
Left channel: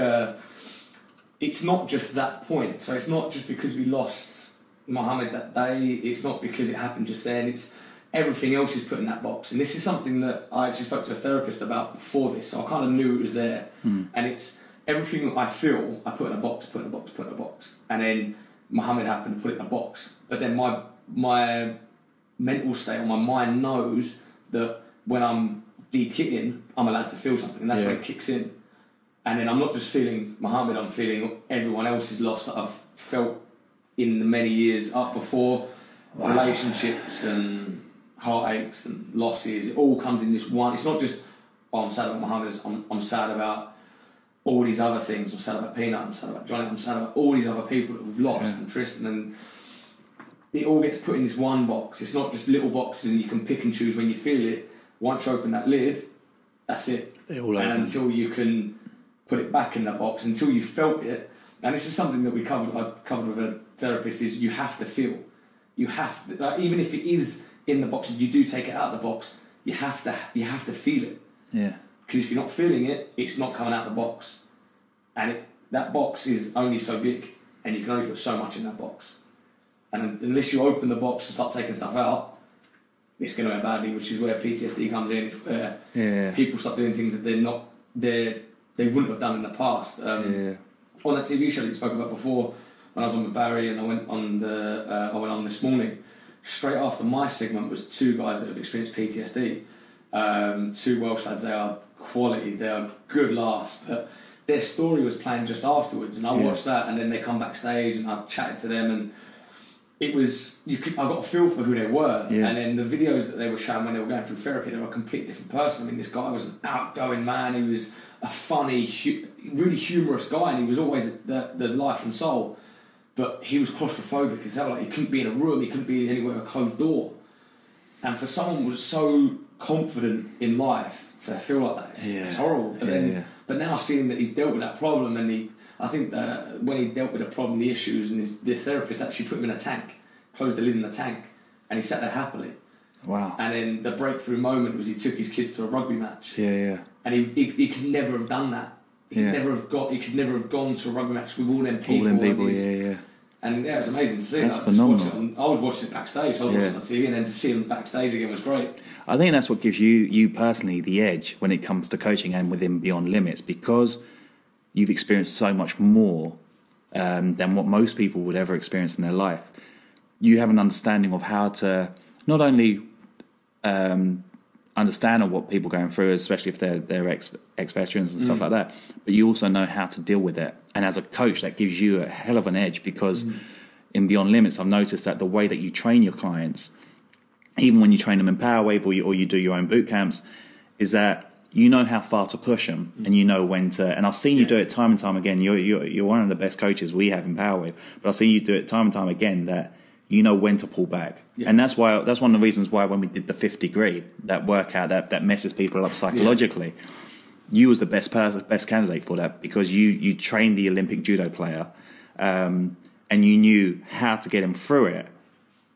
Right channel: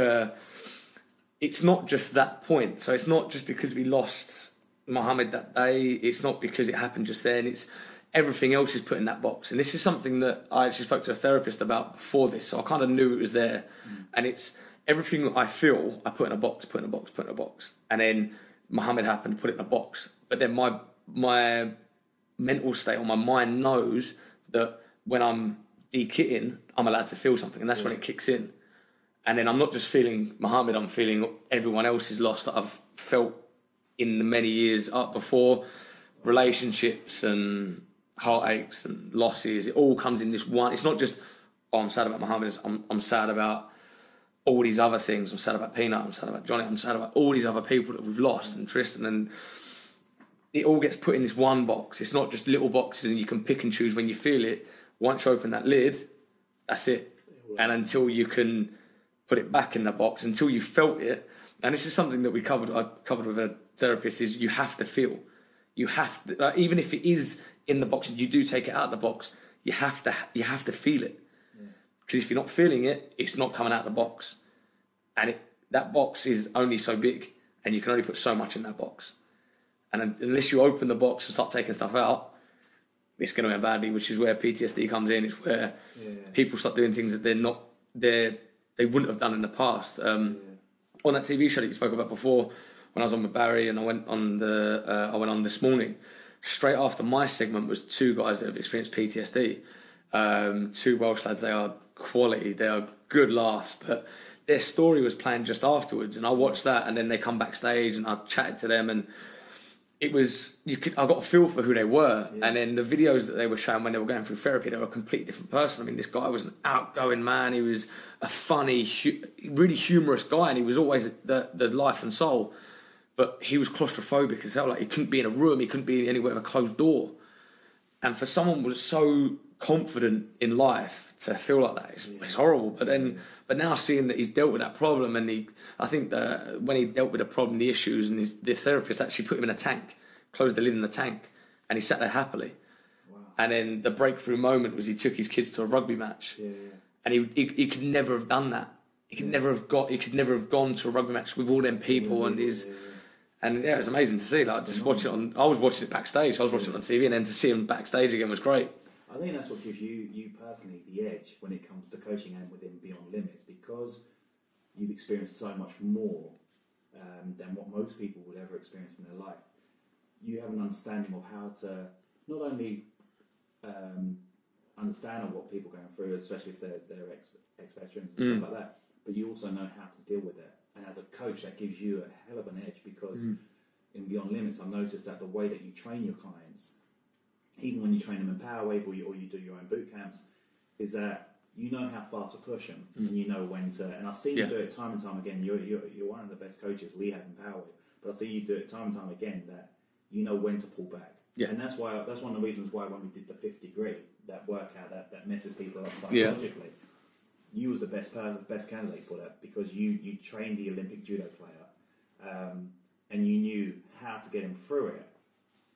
it's not just that point. So it's not just because we lost Mohammed that day. It's not because it happened just then. It's everything else is put in that box. And this is something that I actually spoke to a therapist about before this. So I kind of knew it was there. And it's everything that I feel, I put in a box, put in a box, put in a box. And then Mohammed happened, put it in a box. But then my mental state or my mind knows that when I'm de-kitting, I'm allowed to feel something, and that's when it kicks in. And then I'm not just feeling Mohammed, I'm feeling everyone else's loss that I've felt in the many years up before. Relationships and heartaches and losses, it all comes in this one. It's not just, I'm sad about Mohammed, I'm sad about all these other things. I'm sad about Peanut, I'm sad about Johnny, I'm sad about all these other people that we've lost, and Tristan, and it all gets put in this one box. It's not just little boxes and you can pick and choose when you feel it. Once you open that lid, that's it. And until you can put it back in that box, until you felt it, and this is something that I covered with a therapist, is you have to feel. You have to, even if it is in the box and you do take it out of the box, you have to feel it. Yeah. Because if you're not feeling it, it's not coming out of the box. And that box is only so big, and you can only put so much in that box. And unless you open the box and start taking stuff out, it's going to end badly, which is where PTSD comes in. It's where people start doing things that they wouldn't have done in the past. On that TV show that you spoke about before, when I was on with Barry and I went on this morning, straight after my segment was two guys that have experienced PTSD. Two Welsh lads. They are quality. They are good laughs, but their story was playing just afterwards, and I watched that, and then they come backstage and I chatted to them, and it was, I got a feel for who they were. And then the videos that they were showing when they were going through therapy, they were a completely different person. I mean, this guy was an outgoing man. He was a funny, really humorous guy, and he was always the life and soul. But he was claustrophobic as hell. Like, he couldn't be in a room. He couldn't be anywhere with a closed door. And for someone who was so confident in life to feel like that, it's horrible. But but now seeing that he's dealt with that problem, and I think that when he dealt with the problem, the issues, and the therapist actually put him in a tank, closed the lid in the tank, and he sat there happily. Wow. And then the breakthrough moment was he took his kids to a rugby match. And he could never have done that. He could never have gone to a rugby match with all them people. And it was amazing to see. Like, I was watching it backstage. I was watching it on TV, and then to see him backstage again was great. I think that's what gives you personally the edge when it comes to coaching and within Beyond Limits, because you've experienced so much more than what most people would ever experience in their life. You have an understanding of how to not only understand of what people are going through, especially if they're ex-veterans and stuff like that, but you also know how to deal with it. And as a coach, that gives you a hell of an edge, because in Beyond Limits, I've noticed that the way that you train your clients, even when you train them in PowerWave or you do your own boot camps, is that you know how far to push them, and you know when to. And I've seen you do it time and time again. You're one of the best coaches we have in PowerWave, but I've seen you do it time and time again, that you know when to pull back. And that's one of the reasons why when we did the 5th degree, that workout that messes people up psychologically, you was the best candidate for that, because you trained the Olympic judo player, and you knew how to get him through it,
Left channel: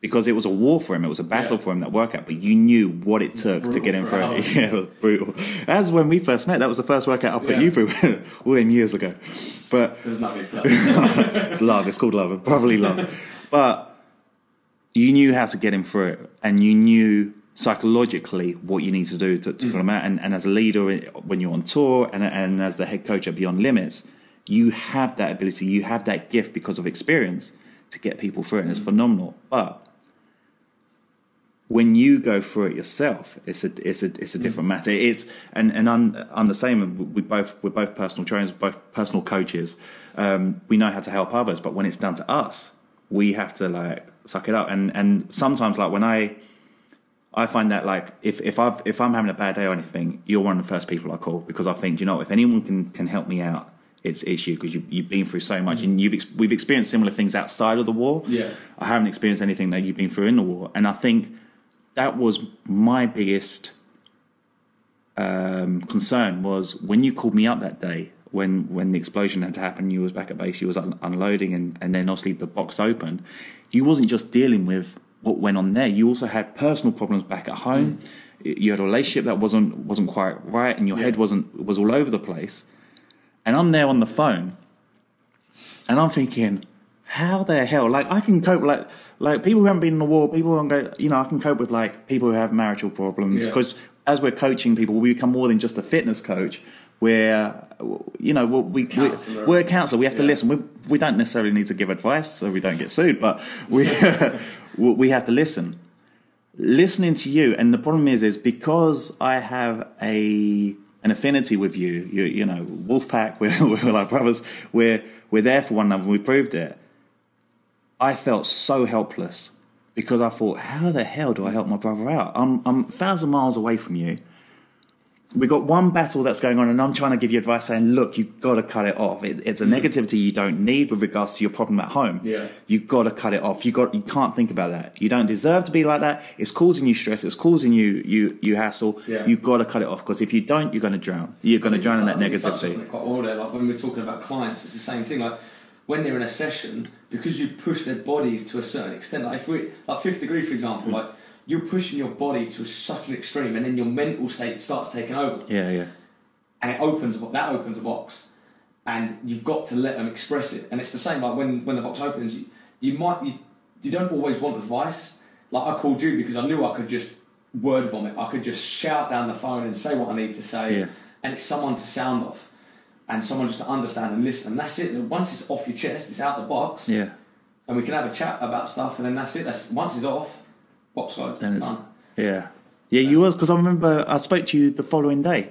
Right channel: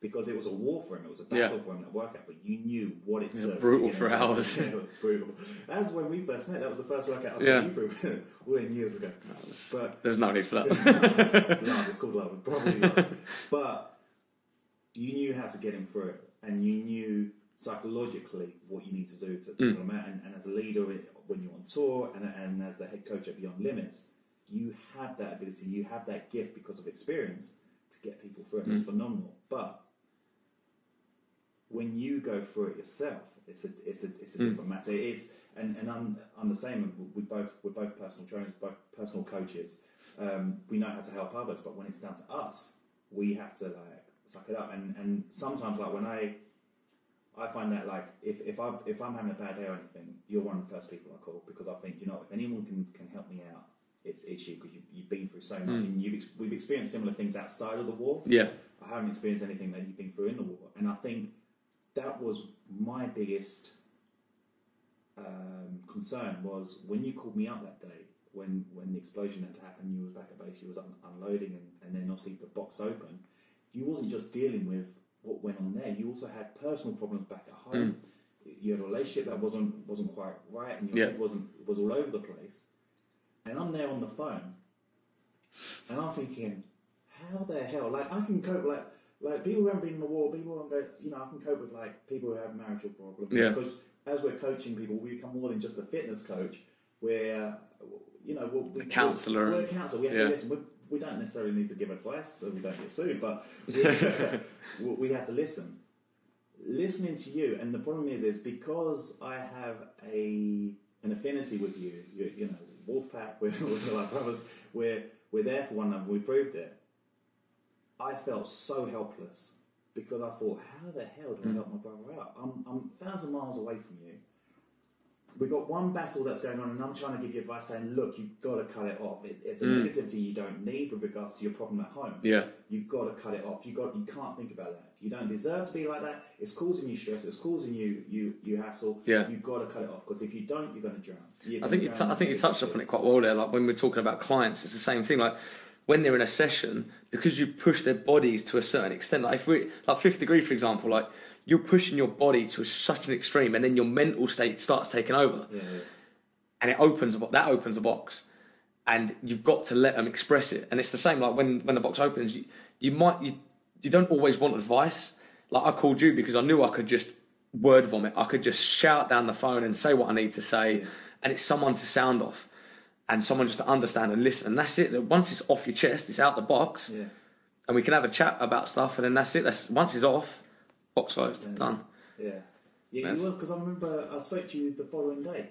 because it was a war for him, it was a battle for him, that workout, but you knew what it took to get him through it. It was brutal. As when we first met, that was the first workout I put you through all them years ago. But there's no need for that. It's love, it's called love, probably love. But you knew how to get him through it, and you knew psychologically what you need to do to put them out. And as a leader, when you're on tour and as the head coach at Beyond Limits, you have that ability, you have that gift because of experience to get people through it, and it's phenomenal. But when you go through it yourself, it's a different matter. I'm the same. We're both personal trainers, both personal coaches. We know how to help others, but when it's down to us, we have to like suck it up. And sometimes, like when I find that like if I'm having a bad day or anything, you're one of the first people I call, because I think, you know, if anyone can help me out, it's you, because you've been through so much, and we've experienced similar things outside of the war. Yeah, I haven't experienced anything that you've been through in the war, and I think that was my biggest concern, was when you called me up that day, when the explosion had happened, you was back at base, you was unloading, and then obviously the box opened. You wasn't just dealing with what went on there. You also had personal problems back at home. You had a relationship that wasn't quite right, and your head was all over the place. And I'm there on the phone, and I'm thinking, how the hell? Like, I can cope, like people who haven't been in the war, people who go, you know, I can cope with like people who have marital problems, because as we're coaching people, we become more than just a fitness coach. We're, you know, we're a counsellor. We have to listen. We don't necessarily need to give advice so we don't get sued, but we we have to listen. Listening to you, and the problem is because I have an affinity with you know, Wolfpack, we're like brothers, we're there for one another, we proved it. I felt so helpless, because I thought, how the hell do I help my brother out? I'm 1,000 miles away from you. We got one battle that's going on, and I'm trying to give you advice saying, look, you've got to cut it off. It's a negativity you don't need with regards to your problem at home. Yeah. You've got to cut it off. You can't think about that. You don't deserve to be like that. It's causing you stress. It's causing you hassle. Yeah. You've got to cut it off, because if you don't, you're going to drown. You're going to drown in that negativity. It quite well there. Like when we're talking about clients, it's the same thing. Like when they're in a session, because you push their bodies to a certain extent. Like if we're like Fifth Degree, for example, like you're pushing your body to such an extreme, and then your mental state starts taking over. Yeah, yeah. And that opens a box, and you've got to let them express it. And it's the same, like when the box opens, you don't always want advice. Like I called you because I knew I could just word vomit. I could just shout down the phone and say what I need to say, and it's someone to sound off, and someone just to understand and listen. And that's it. Once it's off your chest, it's out the box. Yeah. And we can have a chat about stuff, and then that's it. Once it's off, box closed. Done. Yeah. Yeah, you was, because I remember I spoke to you the following day,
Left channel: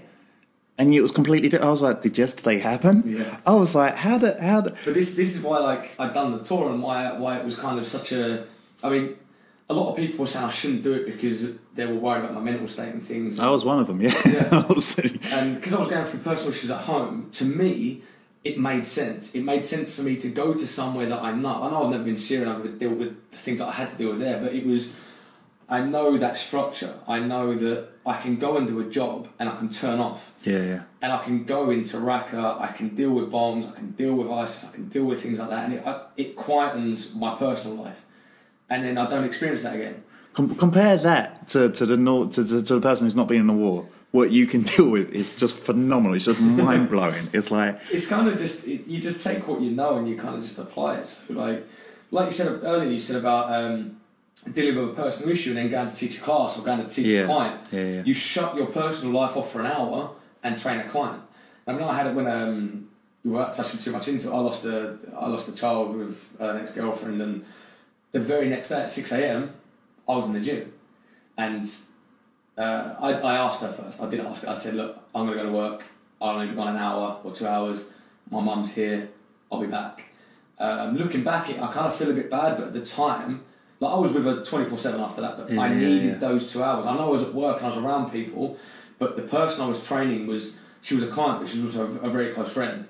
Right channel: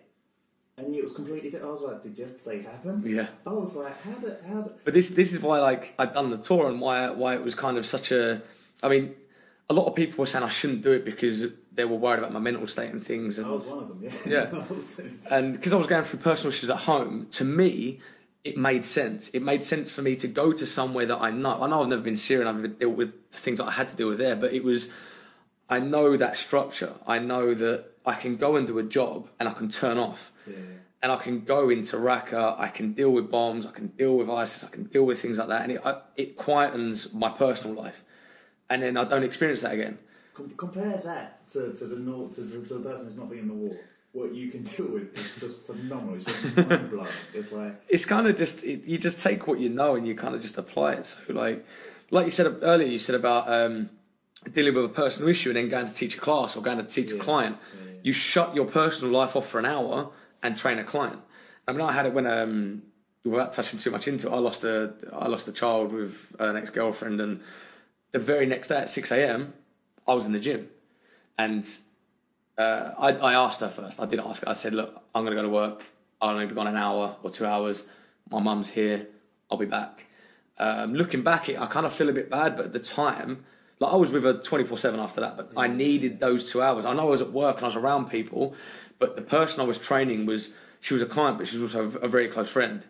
and it was completely different. I was like, did yesterday happen? Yeah. I was like, how did... But this is why, like, I'd done the tour, and why it was kind of such a... I mean, a lot of people were saying I shouldn't do it because they were worried about my mental state and things. And I was one of them, yeah. And because I was going through personal issues at home, to me, it made sense. It made sense for me to go to somewhere that I know. I know I've never been to Syria, and I've never dealt with the things that I had to deal with there, but it was... I know that structure. I know that I can go and do a job and I can turn off. Yeah, yeah. And I can go into Raqqa, I can deal with bombs, I can deal with ISIS, I can deal with things like that, and it quietens my personal life. And then I don't experience that again. Compare that to the person who's not been in the war. What you can deal with is just phenomenal. It's just mind blowing. It's like, it's kind of just you just take what you know and you kind of just apply it. So like you said earlier, you said about dealing with a personal issue and then going to teach a class or going to teach a client. Yeah, yeah. You shut your personal life off for an hour and train a client. I mean, I had it when without touching too much into it, I lost a child with an ex-girlfriend, and the very next day at 6 a.m. I was in the gym, and I asked her first. I did ask her. I said, look, I'm going to go to work. I'll only be gone an hour or 2 hours. My mum's here. I'll be back. Looking back, I kind of feel a bit bad, but at the time, like I was with her 24/7 after that, but I needed those 2 hours. I know I was at work and I was around people, but the person I was training she was a client, but she was also a very close friend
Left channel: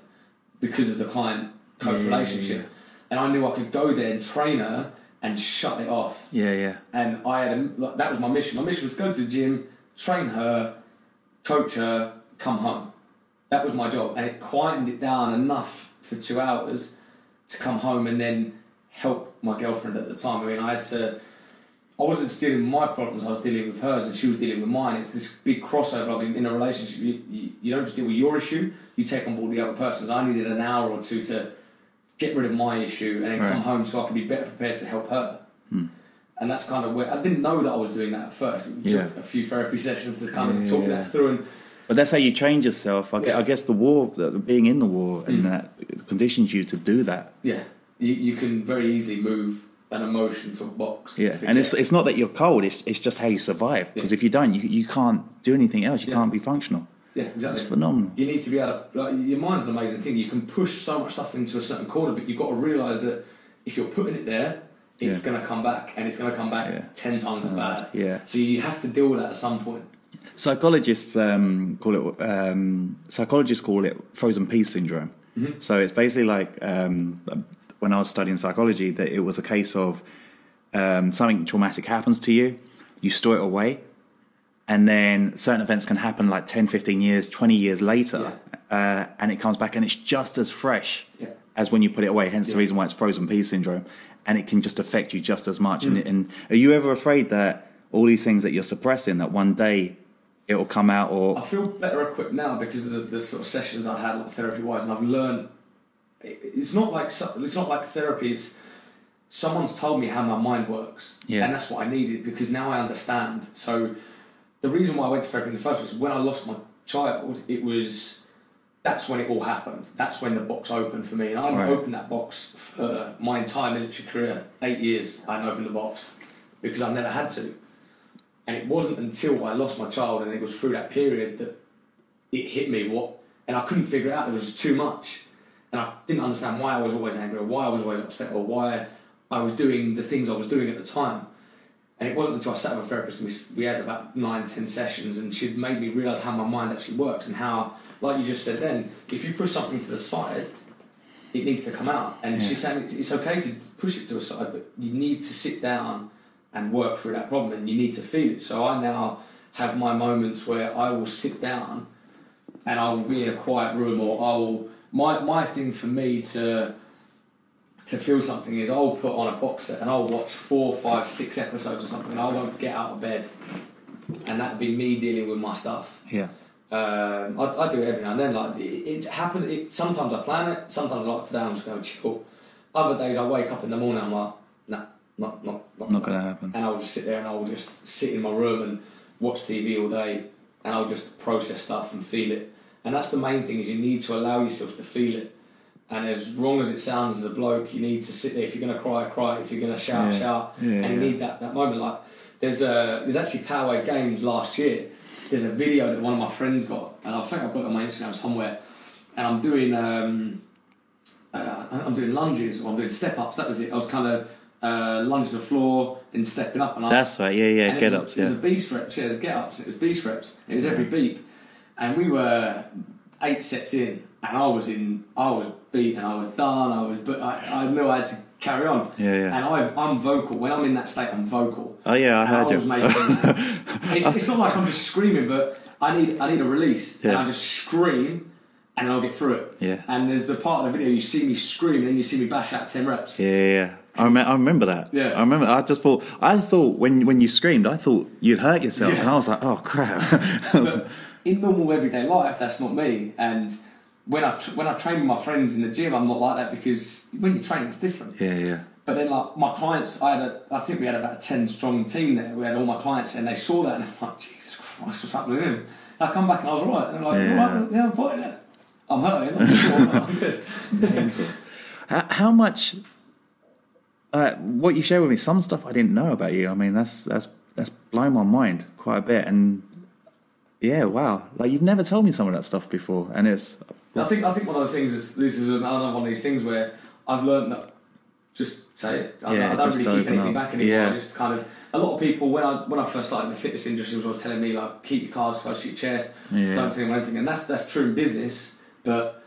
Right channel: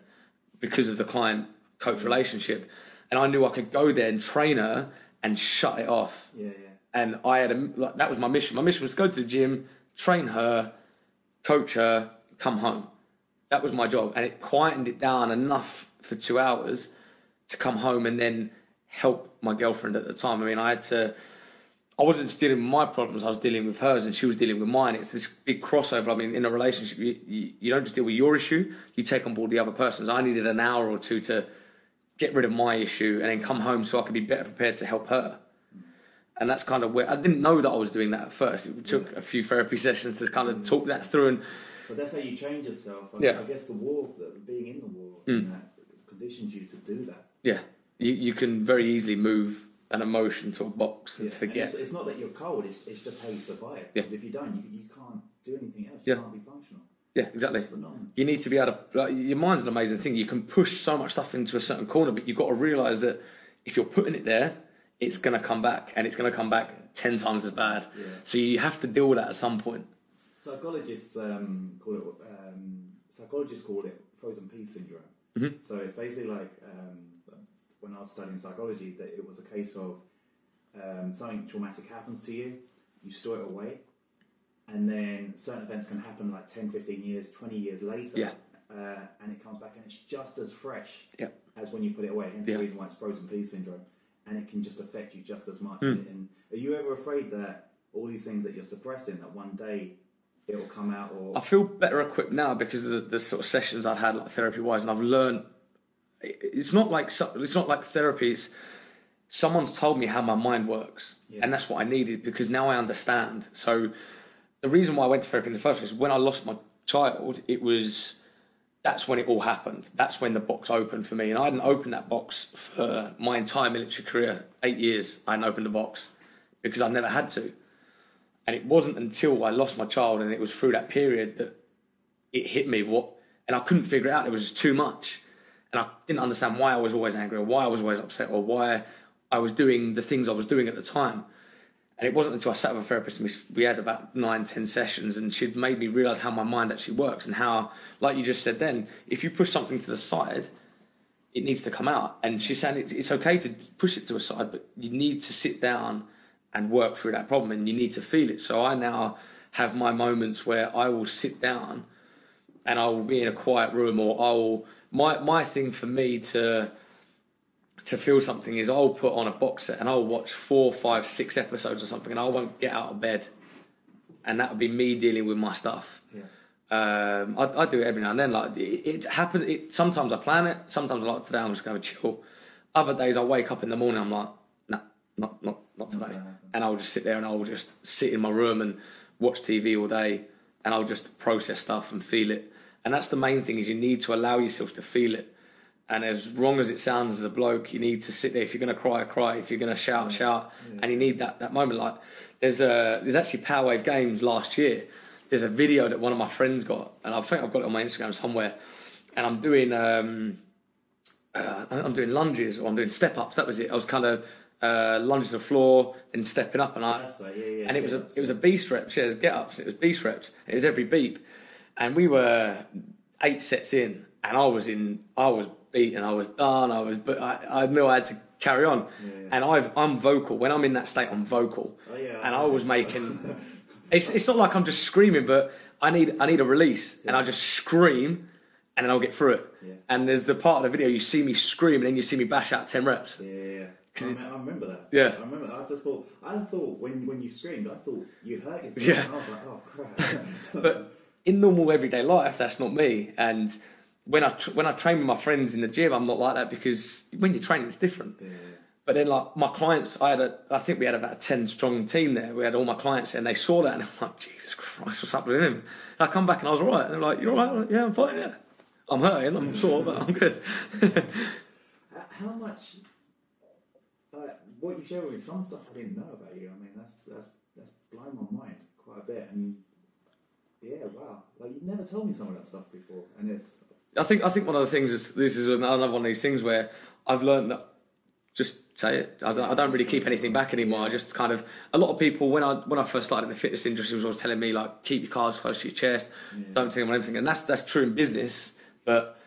because of the client-coach relationship. Yeah. And I knew I could go there and train her and shut it off. Yeah, yeah. And I had that was my mission. My mission was to go to the gym, train her, coach her, come home. That was my job, and it quietened it down enough for 2 hours to come home and then help my girlfriend at the time. I mean, I wasn't just dealing with my problems, I was dealing with hers and she was dealing with mine. It's this big crossover. I mean, in a relationship, you don't just deal with your issue, you take on board the other person's. I needed an hour or two to get rid of my issue and then come home so I could be better prepared to help her. And that's kind of where I didn't know that I was doing that at first. It took a few therapy sessions to kind of talk that through. And but that's how you trained yourself. I guess the war, being in the war, and that conditions you to do that. Yeah, you can very easily move an emotion to a box. Yeah, and it's not that you're cold. It's just how you survive. Because if you don't, you can't do anything else. You can't be functional. Yeah, exactly. It's phenomenal. You need to be able to. Your mind's an amazing thing. You can push so much stuff into a certain corner, but you've got to realise that if you're putting it there, it's going to come back, and it's going to come back 10 times as bad. Yeah. So you have to deal with that at some point. Psychologists call it frozen peace syndrome. Mm-hmm. So it's basically like when I was studying psychology, that it was a case of something traumatic happens to you, you store it away, and then certain events can happen like 10, 15 years, 20 years later, and it comes back and it's just as fresh as when you put it away. Hence the reason why it's frozen peace syndrome. And it can just affect you just as much. And are you ever afraid that all these things that you're suppressing, that one day it will come out? Or I feel better equipped now because of the sort of sessions I've had, like therapy-wise, and I've learned. It's not like therapy. It's someone's told me how my mind works, and that's what I needed because now I understand. So the reason why I went to therapy in the first place, when I lost my child, that's when it all happened. That's when the box opened for me. And I hadn't opened that box for my entire military career. 8 years I hadn't opened the box because I never had to. And it wasn't until I lost my child and it was through that period that it hit me and I couldn't figure it out. It was just too much. And I didn't understand why I was always angry or why I was always upset or why I was doing the things I was doing at the time. And it wasn't until I sat with a therapist and we had about 9-10 sessions and she'd made me realise how my mind actually works and how, like you just said then, if you push something to the side, it needs to come out. And she said it's okay to push it to a side, but you need to sit down and work through that problem and you need to feel it. So I now have my moments where I will sit down and I will be in a quiet room or my thing for me to feel something is I'll put on a box set and I'll watch 4, 5, 6 episodes or something and I won't get out of bed, and that'll be me dealing with my stuff. I do it every now and then. Like it happens. Sometimes I plan it. Sometimes I like today I'm just going to chill. Other days I wake up in the morning I'm like, not going to happen. And I'll just sit there and I'll just sit in my room and watch TV all day and I'll just process stuff and feel it. And that's the main thing is you need to allow yourself to feel it. And as wrong as it sounds as a bloke, you need to sit there. If you're going to cry, cry. If you're going to shout, shout. And you need that moment. Like there's actually PowerWave Games last year. There's a video that one of my friends got, and I think I've got it on my Instagram somewhere. And I'm doing lunges or I'm doing step ups. That was it. I was kind of lunging to the floor and stepping up. And that's right. Yeah. Get ups. It was a beast reps. Yeah, it was get ups. It was beast reps. It was every beep. And we were 8 sets in, and I was beaten. I was done. But I knew I had to carry on. And I'm vocal. When I'm in that state, I'm vocal. Oh yeah, I heard you. It's not like I'm just screaming, but I need a release, and I just scream, and then I'll get through it. And there's the part of the video you see me scream, and then you see me bash out 10 reps. I remember that. I remember. I thought when you screamed, I thought you'd hurt yourself, and I was like, oh crap. But in normal everyday life, that's not me. And when I train with my friends in the gym, I'm not like that because when you're training, it's different. But then, like my clients, I think we had about a 10-strong team there. We had all my clients, and they saw that, and I'm like, Jesus Christ, what's up with him? And I come back, and I was all right. And they're like, you all right? Yeah, I'm fine. Yeah, I'm hurting. I'm sure, but I'm good. How much? What you shared with me, some stuff I didn't know about you. I mean, that's blown my mind quite a bit, and wow, like you've never told me some of that stuff before, and it's. I think one of the things is this is another one of these things where I've learned that just say it. I don't really keep anything back anymore. I just kind of a lot of people when I first started in the fitness industry was always telling me like keep your cards close to your chest, don't tell anyone anything, and that's true in business. But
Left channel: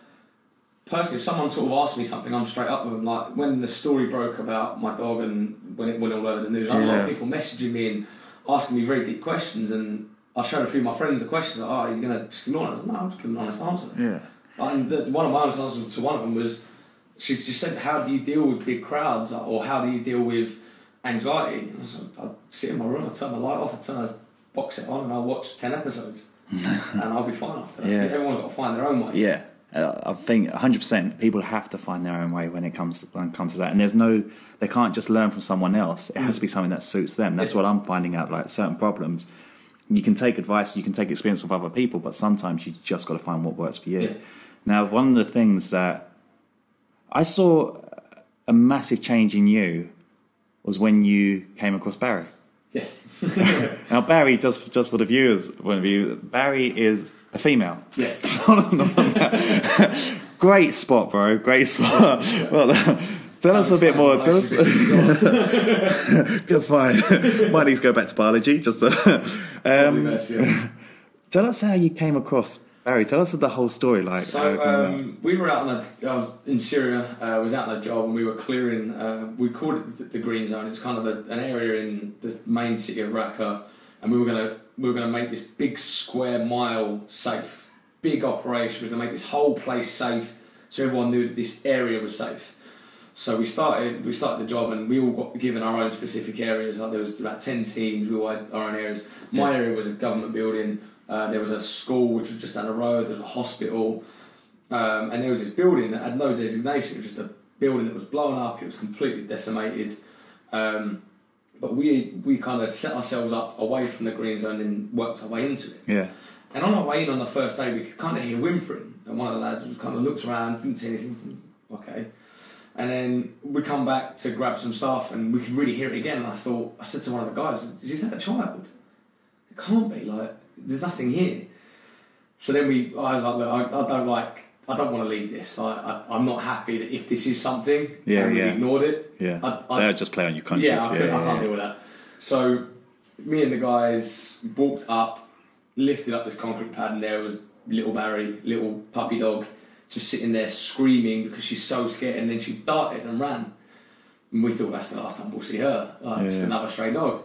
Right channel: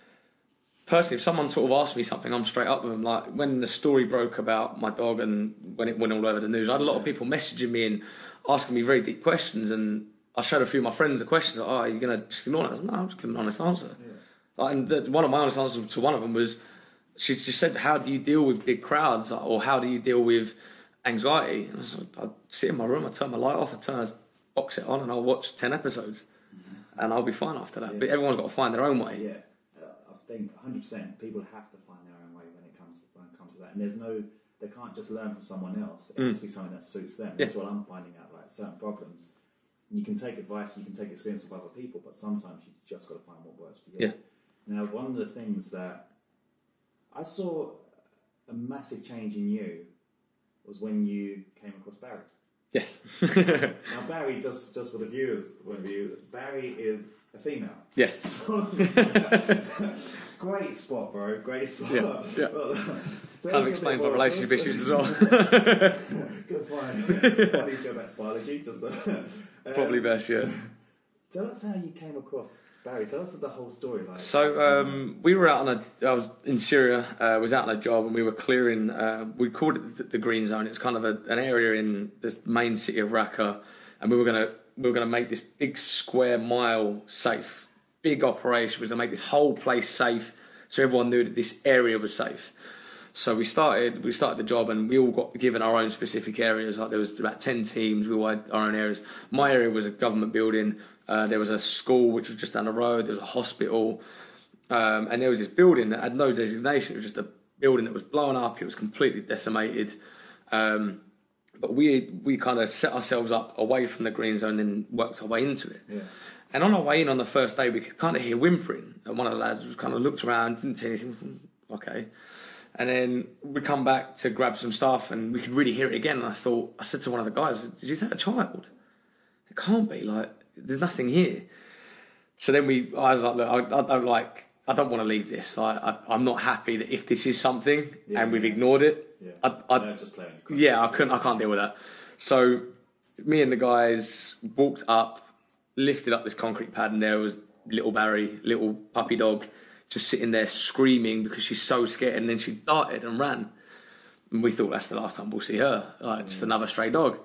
personally, if someone sort of asked me something, I'm straight up with them. Like when the story broke about my dog and when it went all over the news, I had a lot of people messaging me and asking me very deep questions, and I showed a few of my friends the questions. Like, are you going to just ignore it? I was like, no, I'm just giving an honest answer. And one of my honest answers to one of them was, she just said, how do you deal with big crowds? Or how do you deal with anxiety? And I said, I'd sit in my room, I'd turn my light off, I'd turn a box set on, and I'll watch 10 episodes. And I'll be fine after that. But everyone's got to find their own way. I think 100% people have to find their own way when it comes to that, and they can't just learn from someone else. It has to be something that suits them. That's what I'm finding out. Like certain problems, you can take advice, you can take experience of other people, but sometimes you just got to find what works for you. Now, one of the things that I saw a massive change in you was when you came across Barry. Yes. Now, Barry, just for the viewers' point of view, Barry is a female. Yes. Great spot, bro. Great spot. Yeah. Well, tell us a bit more. Tell us. Good, fine. Might need to go back to biology. Just probably best, yeah. Tell us how you came across Barry. Tell us the whole story. Like, so we were out I was in Syria. I was out on a job and we were clearing. We called it the Green Zone. It's kind of an area in the main city of Raqqa, and we were gonna make this big square mile safe. Big operation. We were gonna make this whole place safe, so everyone knew that this area was safe. So we started the job, and we all got given our own specific areas. Like there was about 10 teams. We all had our own areas. My area was a government building. There was a school which was just down the road. There was a hospital, and there was this building that had no designation. It was just a building that was blown up. It was completely decimated. But we kind of set ourselves up away from the Green Zone and worked our way into it. Yeah. And on our way in on the first day, we could kind of hear whimpering. And one of the lads kind of looked around, didn't see anything. Okay. And then we come back to grab some stuff, and we could really hear it again. And I said to one of the guys, "Is that a child? It can't be. Like, there's nothing here." So then I was like, "Look, I don't want to leave this. I'm not happy that if this is something, and we ignored it. Yeah, they'll just play on your conscience. Yeah, I can't deal with that." So me and the guys walked up, lifted up this concrete pad, and there was little Barry, little puppy dog, just sitting there screaming because she's so scared. And then she darted and ran, and we thought that's the last time we'll see her. Just another stray dog.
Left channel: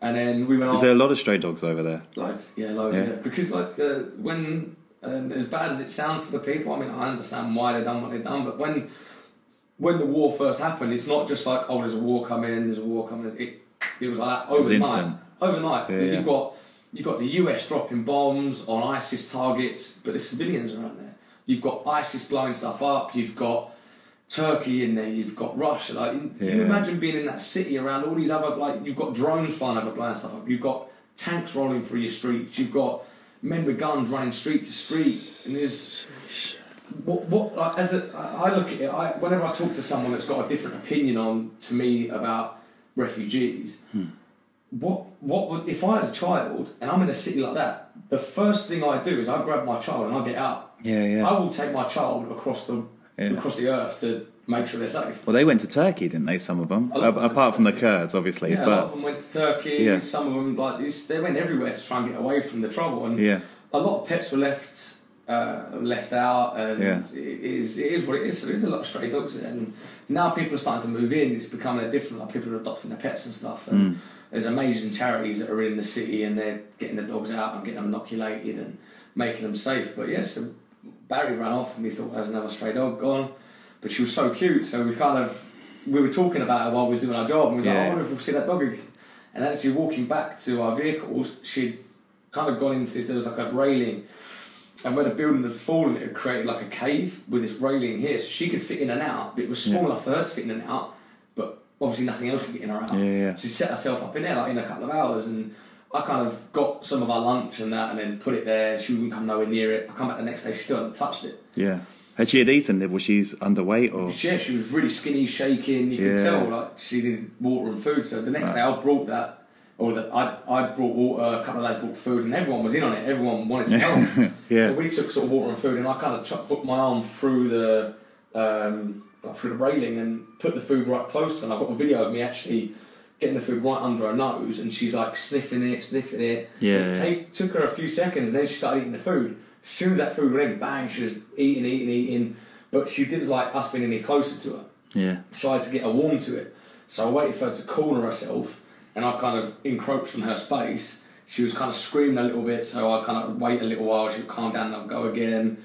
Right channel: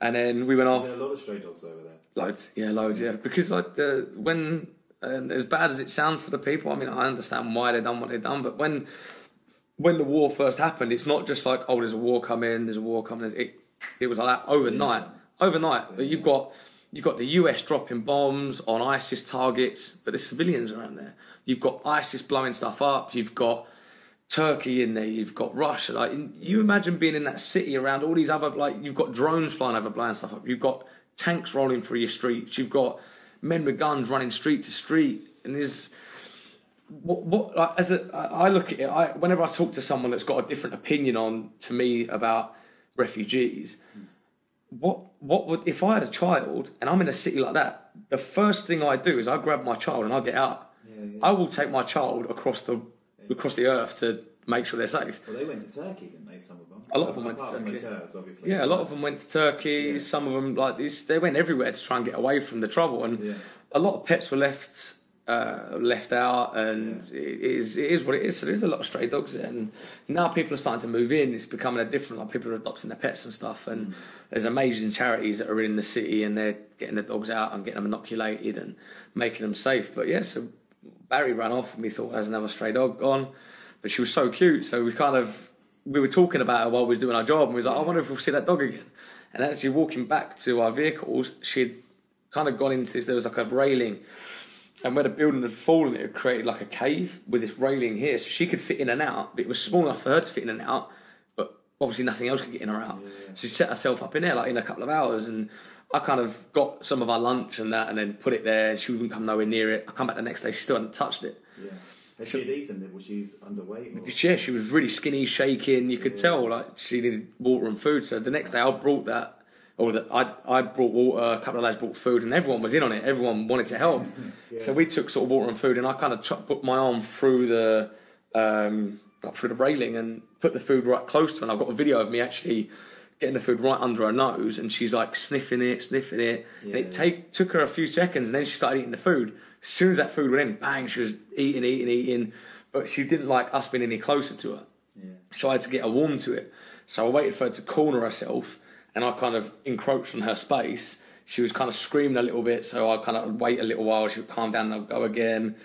And then we went off. Is there a lot of stray dogs over there? Loads, yeah. Because when as bad as it sounds for the people, I mean, I understand why they've done what they've done, but when the war first happened, it's not just like, oh, there's a war coming. It was like that overnight. Yeah, You've got the US dropping bombs on ISIS targets, but the civilians are out there. You've got ISIS blowing stuff up. You've got Turkey in there. You've got Russia. Like, you imagine being in that city around all these other, you've got drones flying over, blowing stuff up. You've got tanks rolling through your streets. You've got men with guns running street to street. And there's I look at it. Whenever I talk to someone that's got a different opinion to me about refugees, what would, if I had a child and I'm in a city like that, the first thing I do is I grab my child and I get out. I will take my child across the earth to make sure they're safe. Well, they went to Turkey, didn't they? Some of them, apart from the Kurds, obviously. Yeah, a lot of them went to Turkey. Yeah. Some of them, they went everywhere to try and get away from the trouble. And a lot of pets were left out, and it is what it is. So there's a lot of stray dogs there, and now people are starting to move in. It's becoming a different. Like, people are adopting their pets and stuff, and there's amazing charities that are in the city, and they're getting the dogs out and getting them inoculated and making them safe. But so Barry ran off, and we thought there's another stray dog gone, but she was so cute. So we were talking about her while we was doing our job, and we was like, I wonder if we'll see that dog again. And as you're walking back to our vehicles, she'd kind of gone into this. There was like a railing. And where the building had fallen, it had created like a cave with this railing here, so she could fit in and out. But it was small enough for her to fit in and out, but obviously nothing else could get in or out. So she set herself up in there like in a couple of hours, and I kind of got some of our lunch and that, and then put it there. And she wouldn't come nowhere near it. I come back the next day, she still hadn't touched it. Yeah. Had she eaten it? Was she underweight or? Yeah, she was really skinny, shaking. You could tell like she needed water and food. So the next day, I brought that. I brought water, a couple of lads brought food, and everyone was in on it. Everyone wanted to help. So we took sort of water and food, and I kind of put my arm through the railing and put the food right close to her. And I've got a video of me actually getting the food right under her nose, and she's like sniffing it. It took her a few seconds, and then she started eating the food. As soon as that food went in, bang, she was eating. But she didn't like us being any closer to her. So I had to get her warm to it. So I waited for her to corner herself, and I kind of encroached on her space. She was kind of screaming a little bit, so I kind of wait a little while. She would calm down and I'd go again.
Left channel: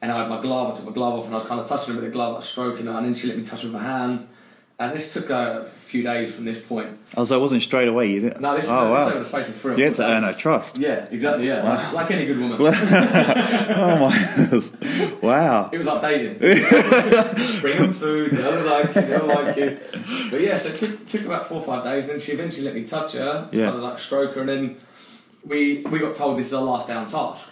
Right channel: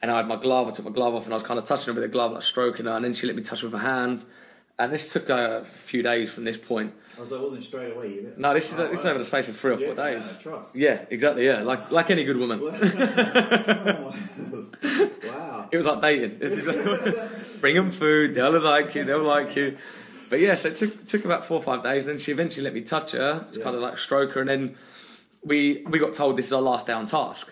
And I had my glove, I took my glove off, and I was kind of touching her with the glove, like stroking her, and then she let me touch her with her hand. And this took a few days from this point. Oh, so it wasn't straight away, you didn't? No, this is over the space of 3 or 4 days. You had to earn her trust. Yeah, exactly, yeah. Wow. Like any good woman. Oh my goodness. Wow. It was like dating. Bring them food, they'll like you, they'll like you. But yes, it took about 4 or 5 days, and then she eventually let me touch her, kind of like stroke her, and then we got told this is our last day on task.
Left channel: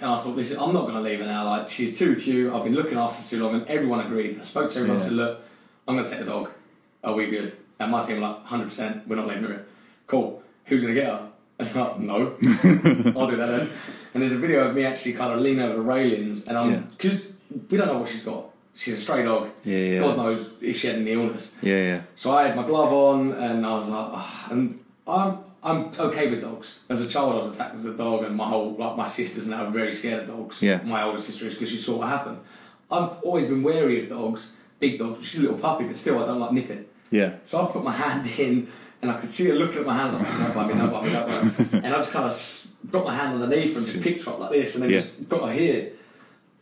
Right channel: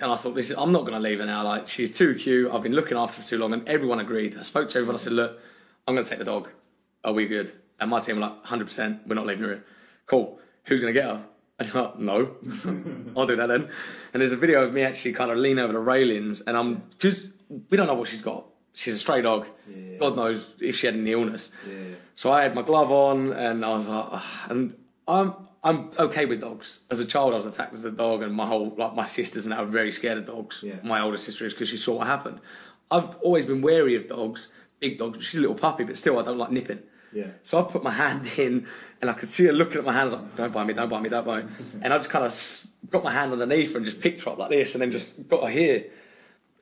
And I thought, I'm not going to leave her now. Like, she's too cute. I've been looking after her too long, and everyone agreed. I spoke to everyone and said, look, I'm going to take the dog. Are we good? And my team were like, 100%, we're not leaving her in. Cool. Who's going to get her? And I'm like, no. I'll do that then. And there's a video of me actually kind of leaning over the railings, and because we don't know what she's got. She's a stray dog. Yeah. God knows if she had any illness. Yeah. So I had my glove on, and I was like, and I'm okay with dogs. As a child, I was attacked as a dog, and my sisters and I are very scared of dogs. Yeah. My older sister is, because she saw what happened. I've always been wary of dogs, big dogs. She's a little puppy, but still, I don't like nipping. Yeah. So I put my hand in, and I could see her looking at my hands like, don't bite me, don't bite me, don't bite me. And I just kind of got my hand underneath her and just picked her up like this, and then just got her here.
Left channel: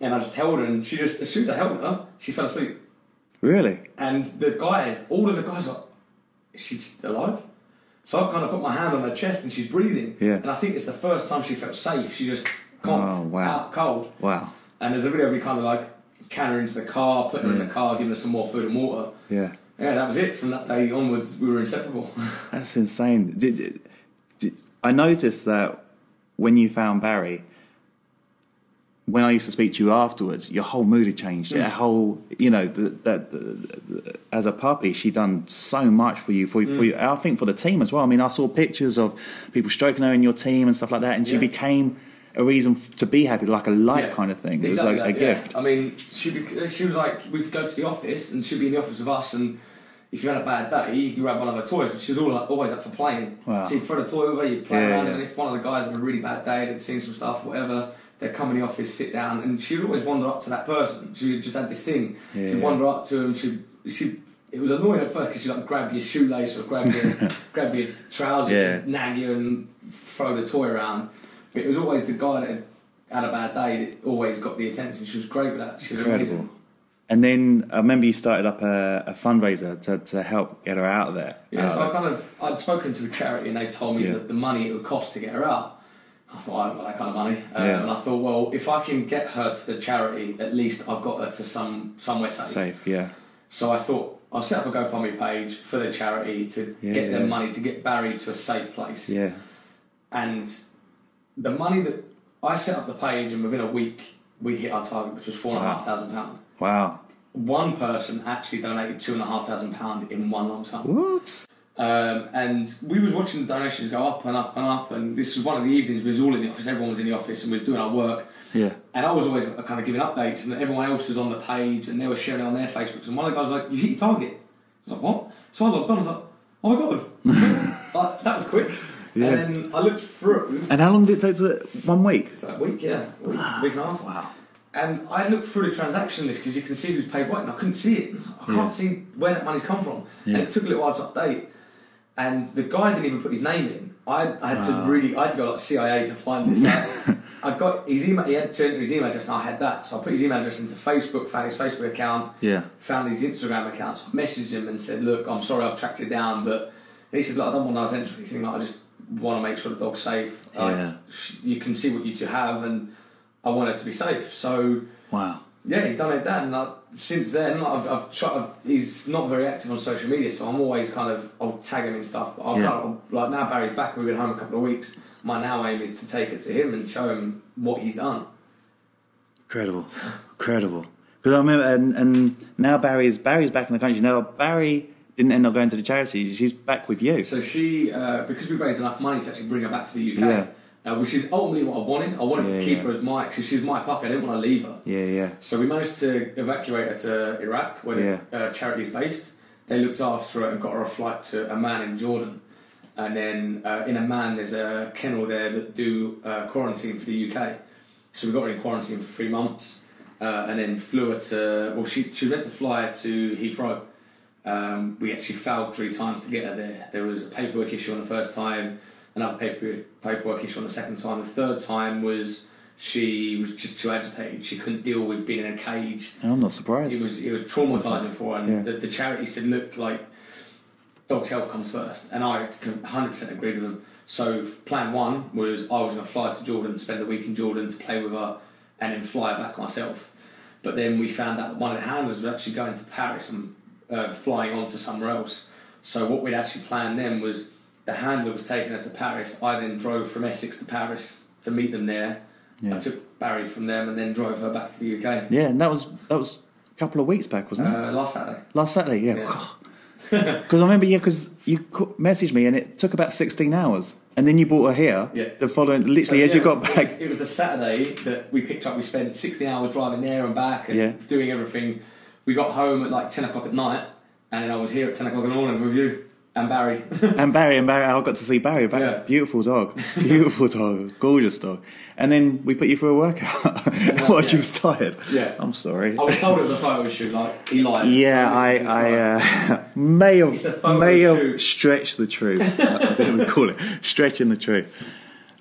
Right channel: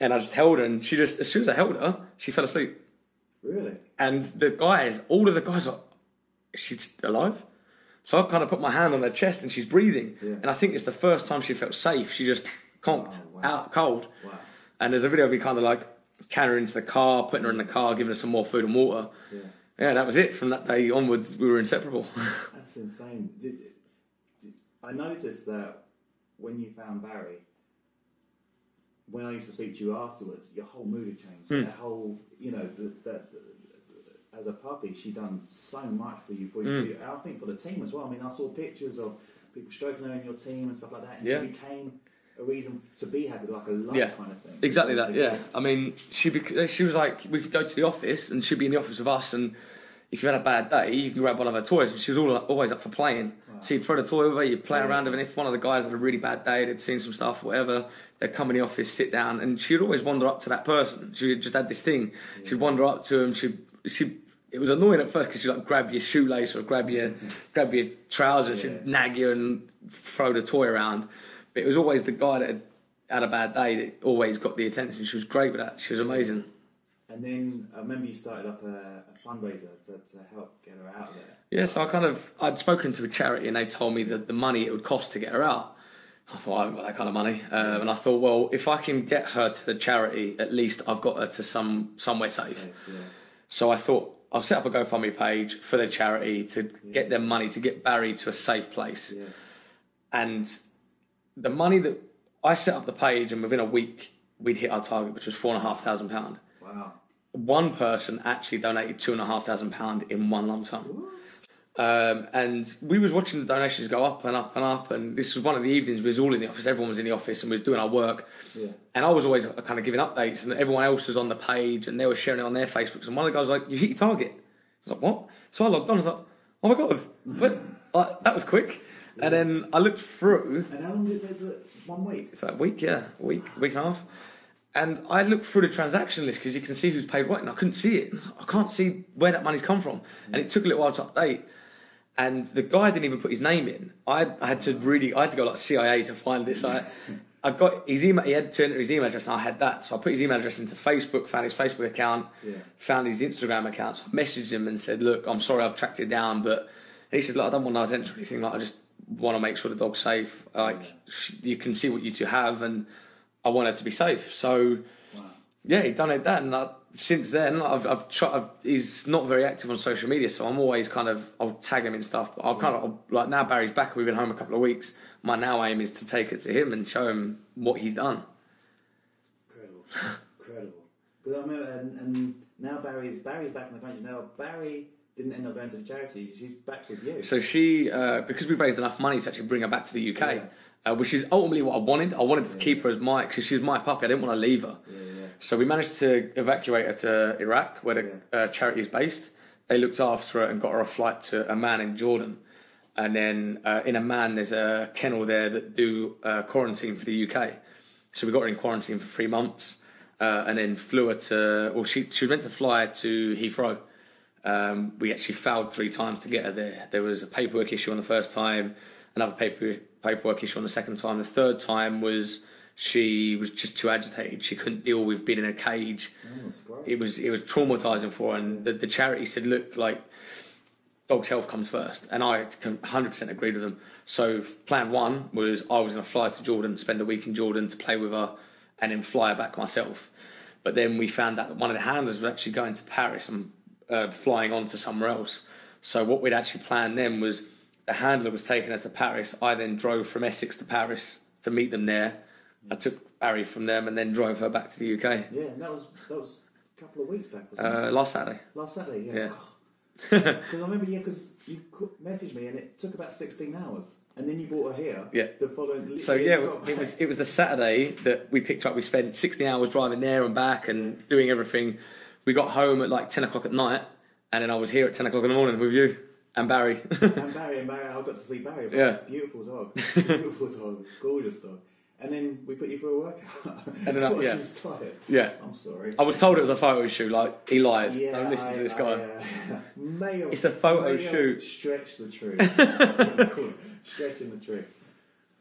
And I just held her, and she just, as soon as I held her, she fell asleep. Really? And all of the guys were like, is she alive? So I kind of put my hand on her chest, and she's breathing. Yeah. And I think it's the first time she felt safe. She just conked out cold. Wow. And there's a video of me kind of like carrying her into the car, putting her in the car, giving her some more food and water. Yeah. Yeah, that was it. From that day onwards, we were inseparable. That's insane. I noticed that when you found Barry, when I used to speak to you afterwards, your whole mood had changed. Your whole, as a puppy, she done so much for you. For you, I think for the team as well. I mean, I saw pictures of people stroking her in your team and stuff like that, and she became a reason to be happy, like a light kind of thing. Exactly, it was like a gift. I mean, she was like, we could go to the office, and she'd be in the office with us, and if you had a bad day, you could grab one of her toys, and she was always up for playing. Wow. So you'd throw the toy over, you'd play around, and if one of the guys had a really bad day, they'd seen some stuff, whatever, they'd come in the office, sit down, and she'd always wander up to that person. She just had this thing. She'd wander up to him. It was annoying at first because she'd like grab your shoelace or grab your trousers, she'd nag you and throw the toy around. But it was always the guy that had a bad day that always got the attention. She was great with that. She was amazing. And then I remember you started up a fundraiser to help get her out of there. Yeah, so I'd spoken to a charity, and they told me that the money it would cost to get her out. I thought, I haven't got that kind of money. And I thought, well, if I can get her to the charity, at least I've got her to somewhere safe. So I thought, I'll set up a GoFundMe page for the charity to get them money to get Barry to a safe place. Yeah. And the money that I set up the page, and within a week, we'd hit our target, which was £4,500. Wow. One person actually donated £2,500 in one lump sum. What? And we was watching the donations go up and up and up, and this was one of the evenings we was all in the office, everyone was in the office and we was doing our work. Yeah. And I was always kind of giving updates, and everyone else was on the page and they were sharing it on their Facebooks, and one of the guys was like, you hit your target. I was like, what? So I logged on, I was like, oh my god, that was quick. Yeah. And then I looked through. And how long did it take? 1 week? It's like a week, yeah. Week and a half. Wow. And I looked through the transaction list because you can see who's paid what, and I couldn't see it. I can't see where that money's come from. Yeah. And it took a little while to update. And the guy didn't even put his name in. I had to go like CIA to find this out. I got his email. He had to enter his email address, and I had that. So I put his email address into Facebook, found his Facebook account, found his Instagram account. So I messaged him and said, "Look, I'm sorry, I've tracked it down, but." And he said, "Look, I don't want no attention or anything. Like, I just want to make sure the dog's safe. You can see what you two have, and I want her to be safe." So yeah, he donated that, and since then I've tried. He's not very active on social media, so I'm always I'll tag him in stuff. But like now Barry's back. We've been home a couple of weeks. My now aim is to take it to him and show him what he's done. Incredible. Because I remember, and now Barry's back in the country. Now Barry didn't end up going to the charity. She's back with you. So she, because we've raised enough money to actually bring her back to the UK. Which is ultimately what I wanted. I wanted to keep her as because she's my puppy. I didn't want to leave her. So we managed to evacuate her to Iraq, where the charity is based. They looked after her and got her a flight to Amman in Jordan. And then in Amman, there's a kennel there that do quarantine for the UK. So we got her in quarantine for 3 months, and then flew her to. Well, she was meant to fly to Heathrow. We actually failed 3 times to get her there. There was a paperwork issue on the first time. Another paperwork issue on the second time. The third time was she was just too agitated. She couldn't deal with being in a cage. I'm not surprised. It was traumatising for her, and the charity said, look, like, dog's health comes first, and I 100% agreed with them. So plan one was I was going to fly to Jordan, spend a week in Jordan to play with her, and then fly back myself. But then we found out that one of the handlers was actually going to Paris and flying on to somewhere else. So what we'd actually planned then was the handler was taking us to Paris. I then drove from Essex to Paris to meet them there. I took Barry from them and then drove her back to the UK. Yeah, and that was a couple of weeks back, wasn't it? Last Saturday. Last Saturday, yeah. Because I remember, because you messaged me and it took about 16 hours. And then you brought her here the following, literally as you got back. It was the Saturday that we picked up. We spent 16 hours driving there and back and doing everything. We got home at like 10 o'clock at night, and then I was here at 10 o'clock in the morning with you and Barry. and Barry, I got to see Barry. Beautiful dog. Beautiful dog. Gorgeous dog. And then we put you through a workout while she was tired. Yeah. I'm sorry. I was told it was a photo shoot, like he lied. Yeah, I may have stretched the truth. I think we call it stretching the truth.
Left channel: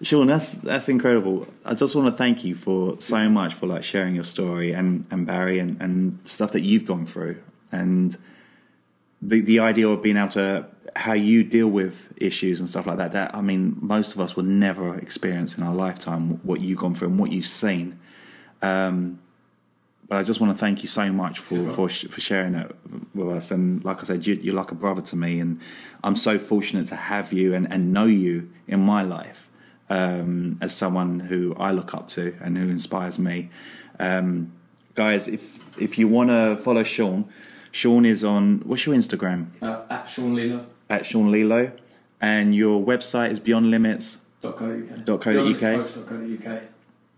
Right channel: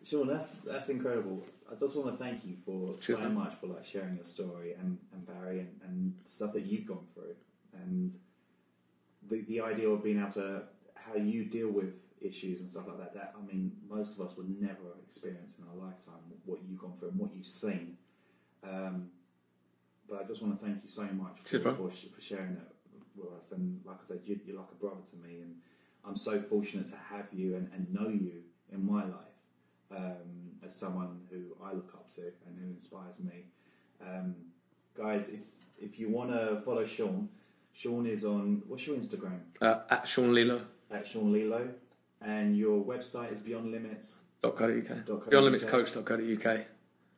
Sean, that's incredible. I just want to thank you for so much for like sharing your story and Barry and stuff that you've gone through, and the idea of being able to, how you deal with issues and stuff like that. I mean, most of us will never experience in our lifetime what you've gone through and what you've seen. But I just want to thank you so much for sharing that with us. And like I said, you're like a brother to me, and I'm so fortunate to have you and know you in my life as someone who I look up to and who inspires me. Guys, if you want to follow Sean is on, what's your Instagram? At Sean Laidlaw. At Sean Laidlaw. And your website is beyondlimits.co.uk. Beyondlimitscoach.co.uk.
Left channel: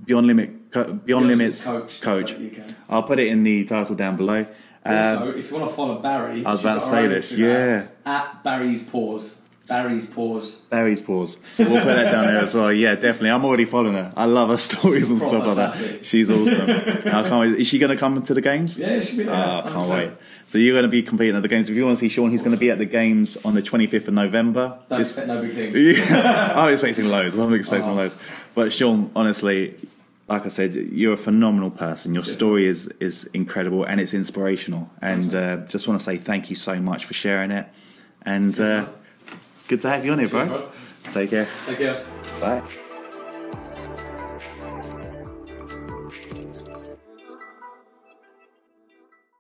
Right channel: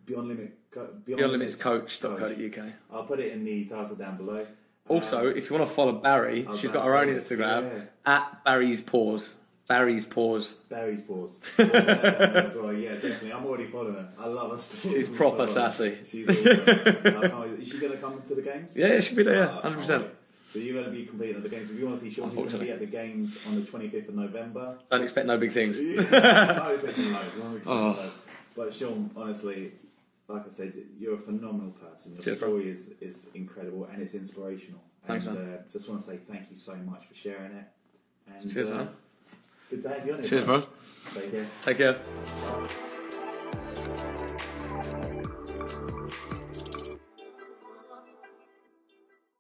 Beyond Limits Coach. I'll put it in the title down below. Also, if you want to follow Barry, I was about to say this. Instagram, at Barry's Paws. Barry's Paws. So we'll put that down there as well. Yeah, definitely. I'm already following her. I love her stories and stuff like that. She's awesome. I can't wait. Is she going to come to the games? Yeah, she'll be there. I can't wait. So you're going to be competing at the games. If you want to see Sean, he's going to be at the games on the 25th of November. Don't expect no big things. I'm expecting loads. Loads. But Sean, honestly, like I said, you're a phenomenal person. Your story is incredible and it's inspirational. And just want to say thank you so much for sharing it. And good to have you on here, bro. Take care. Bye.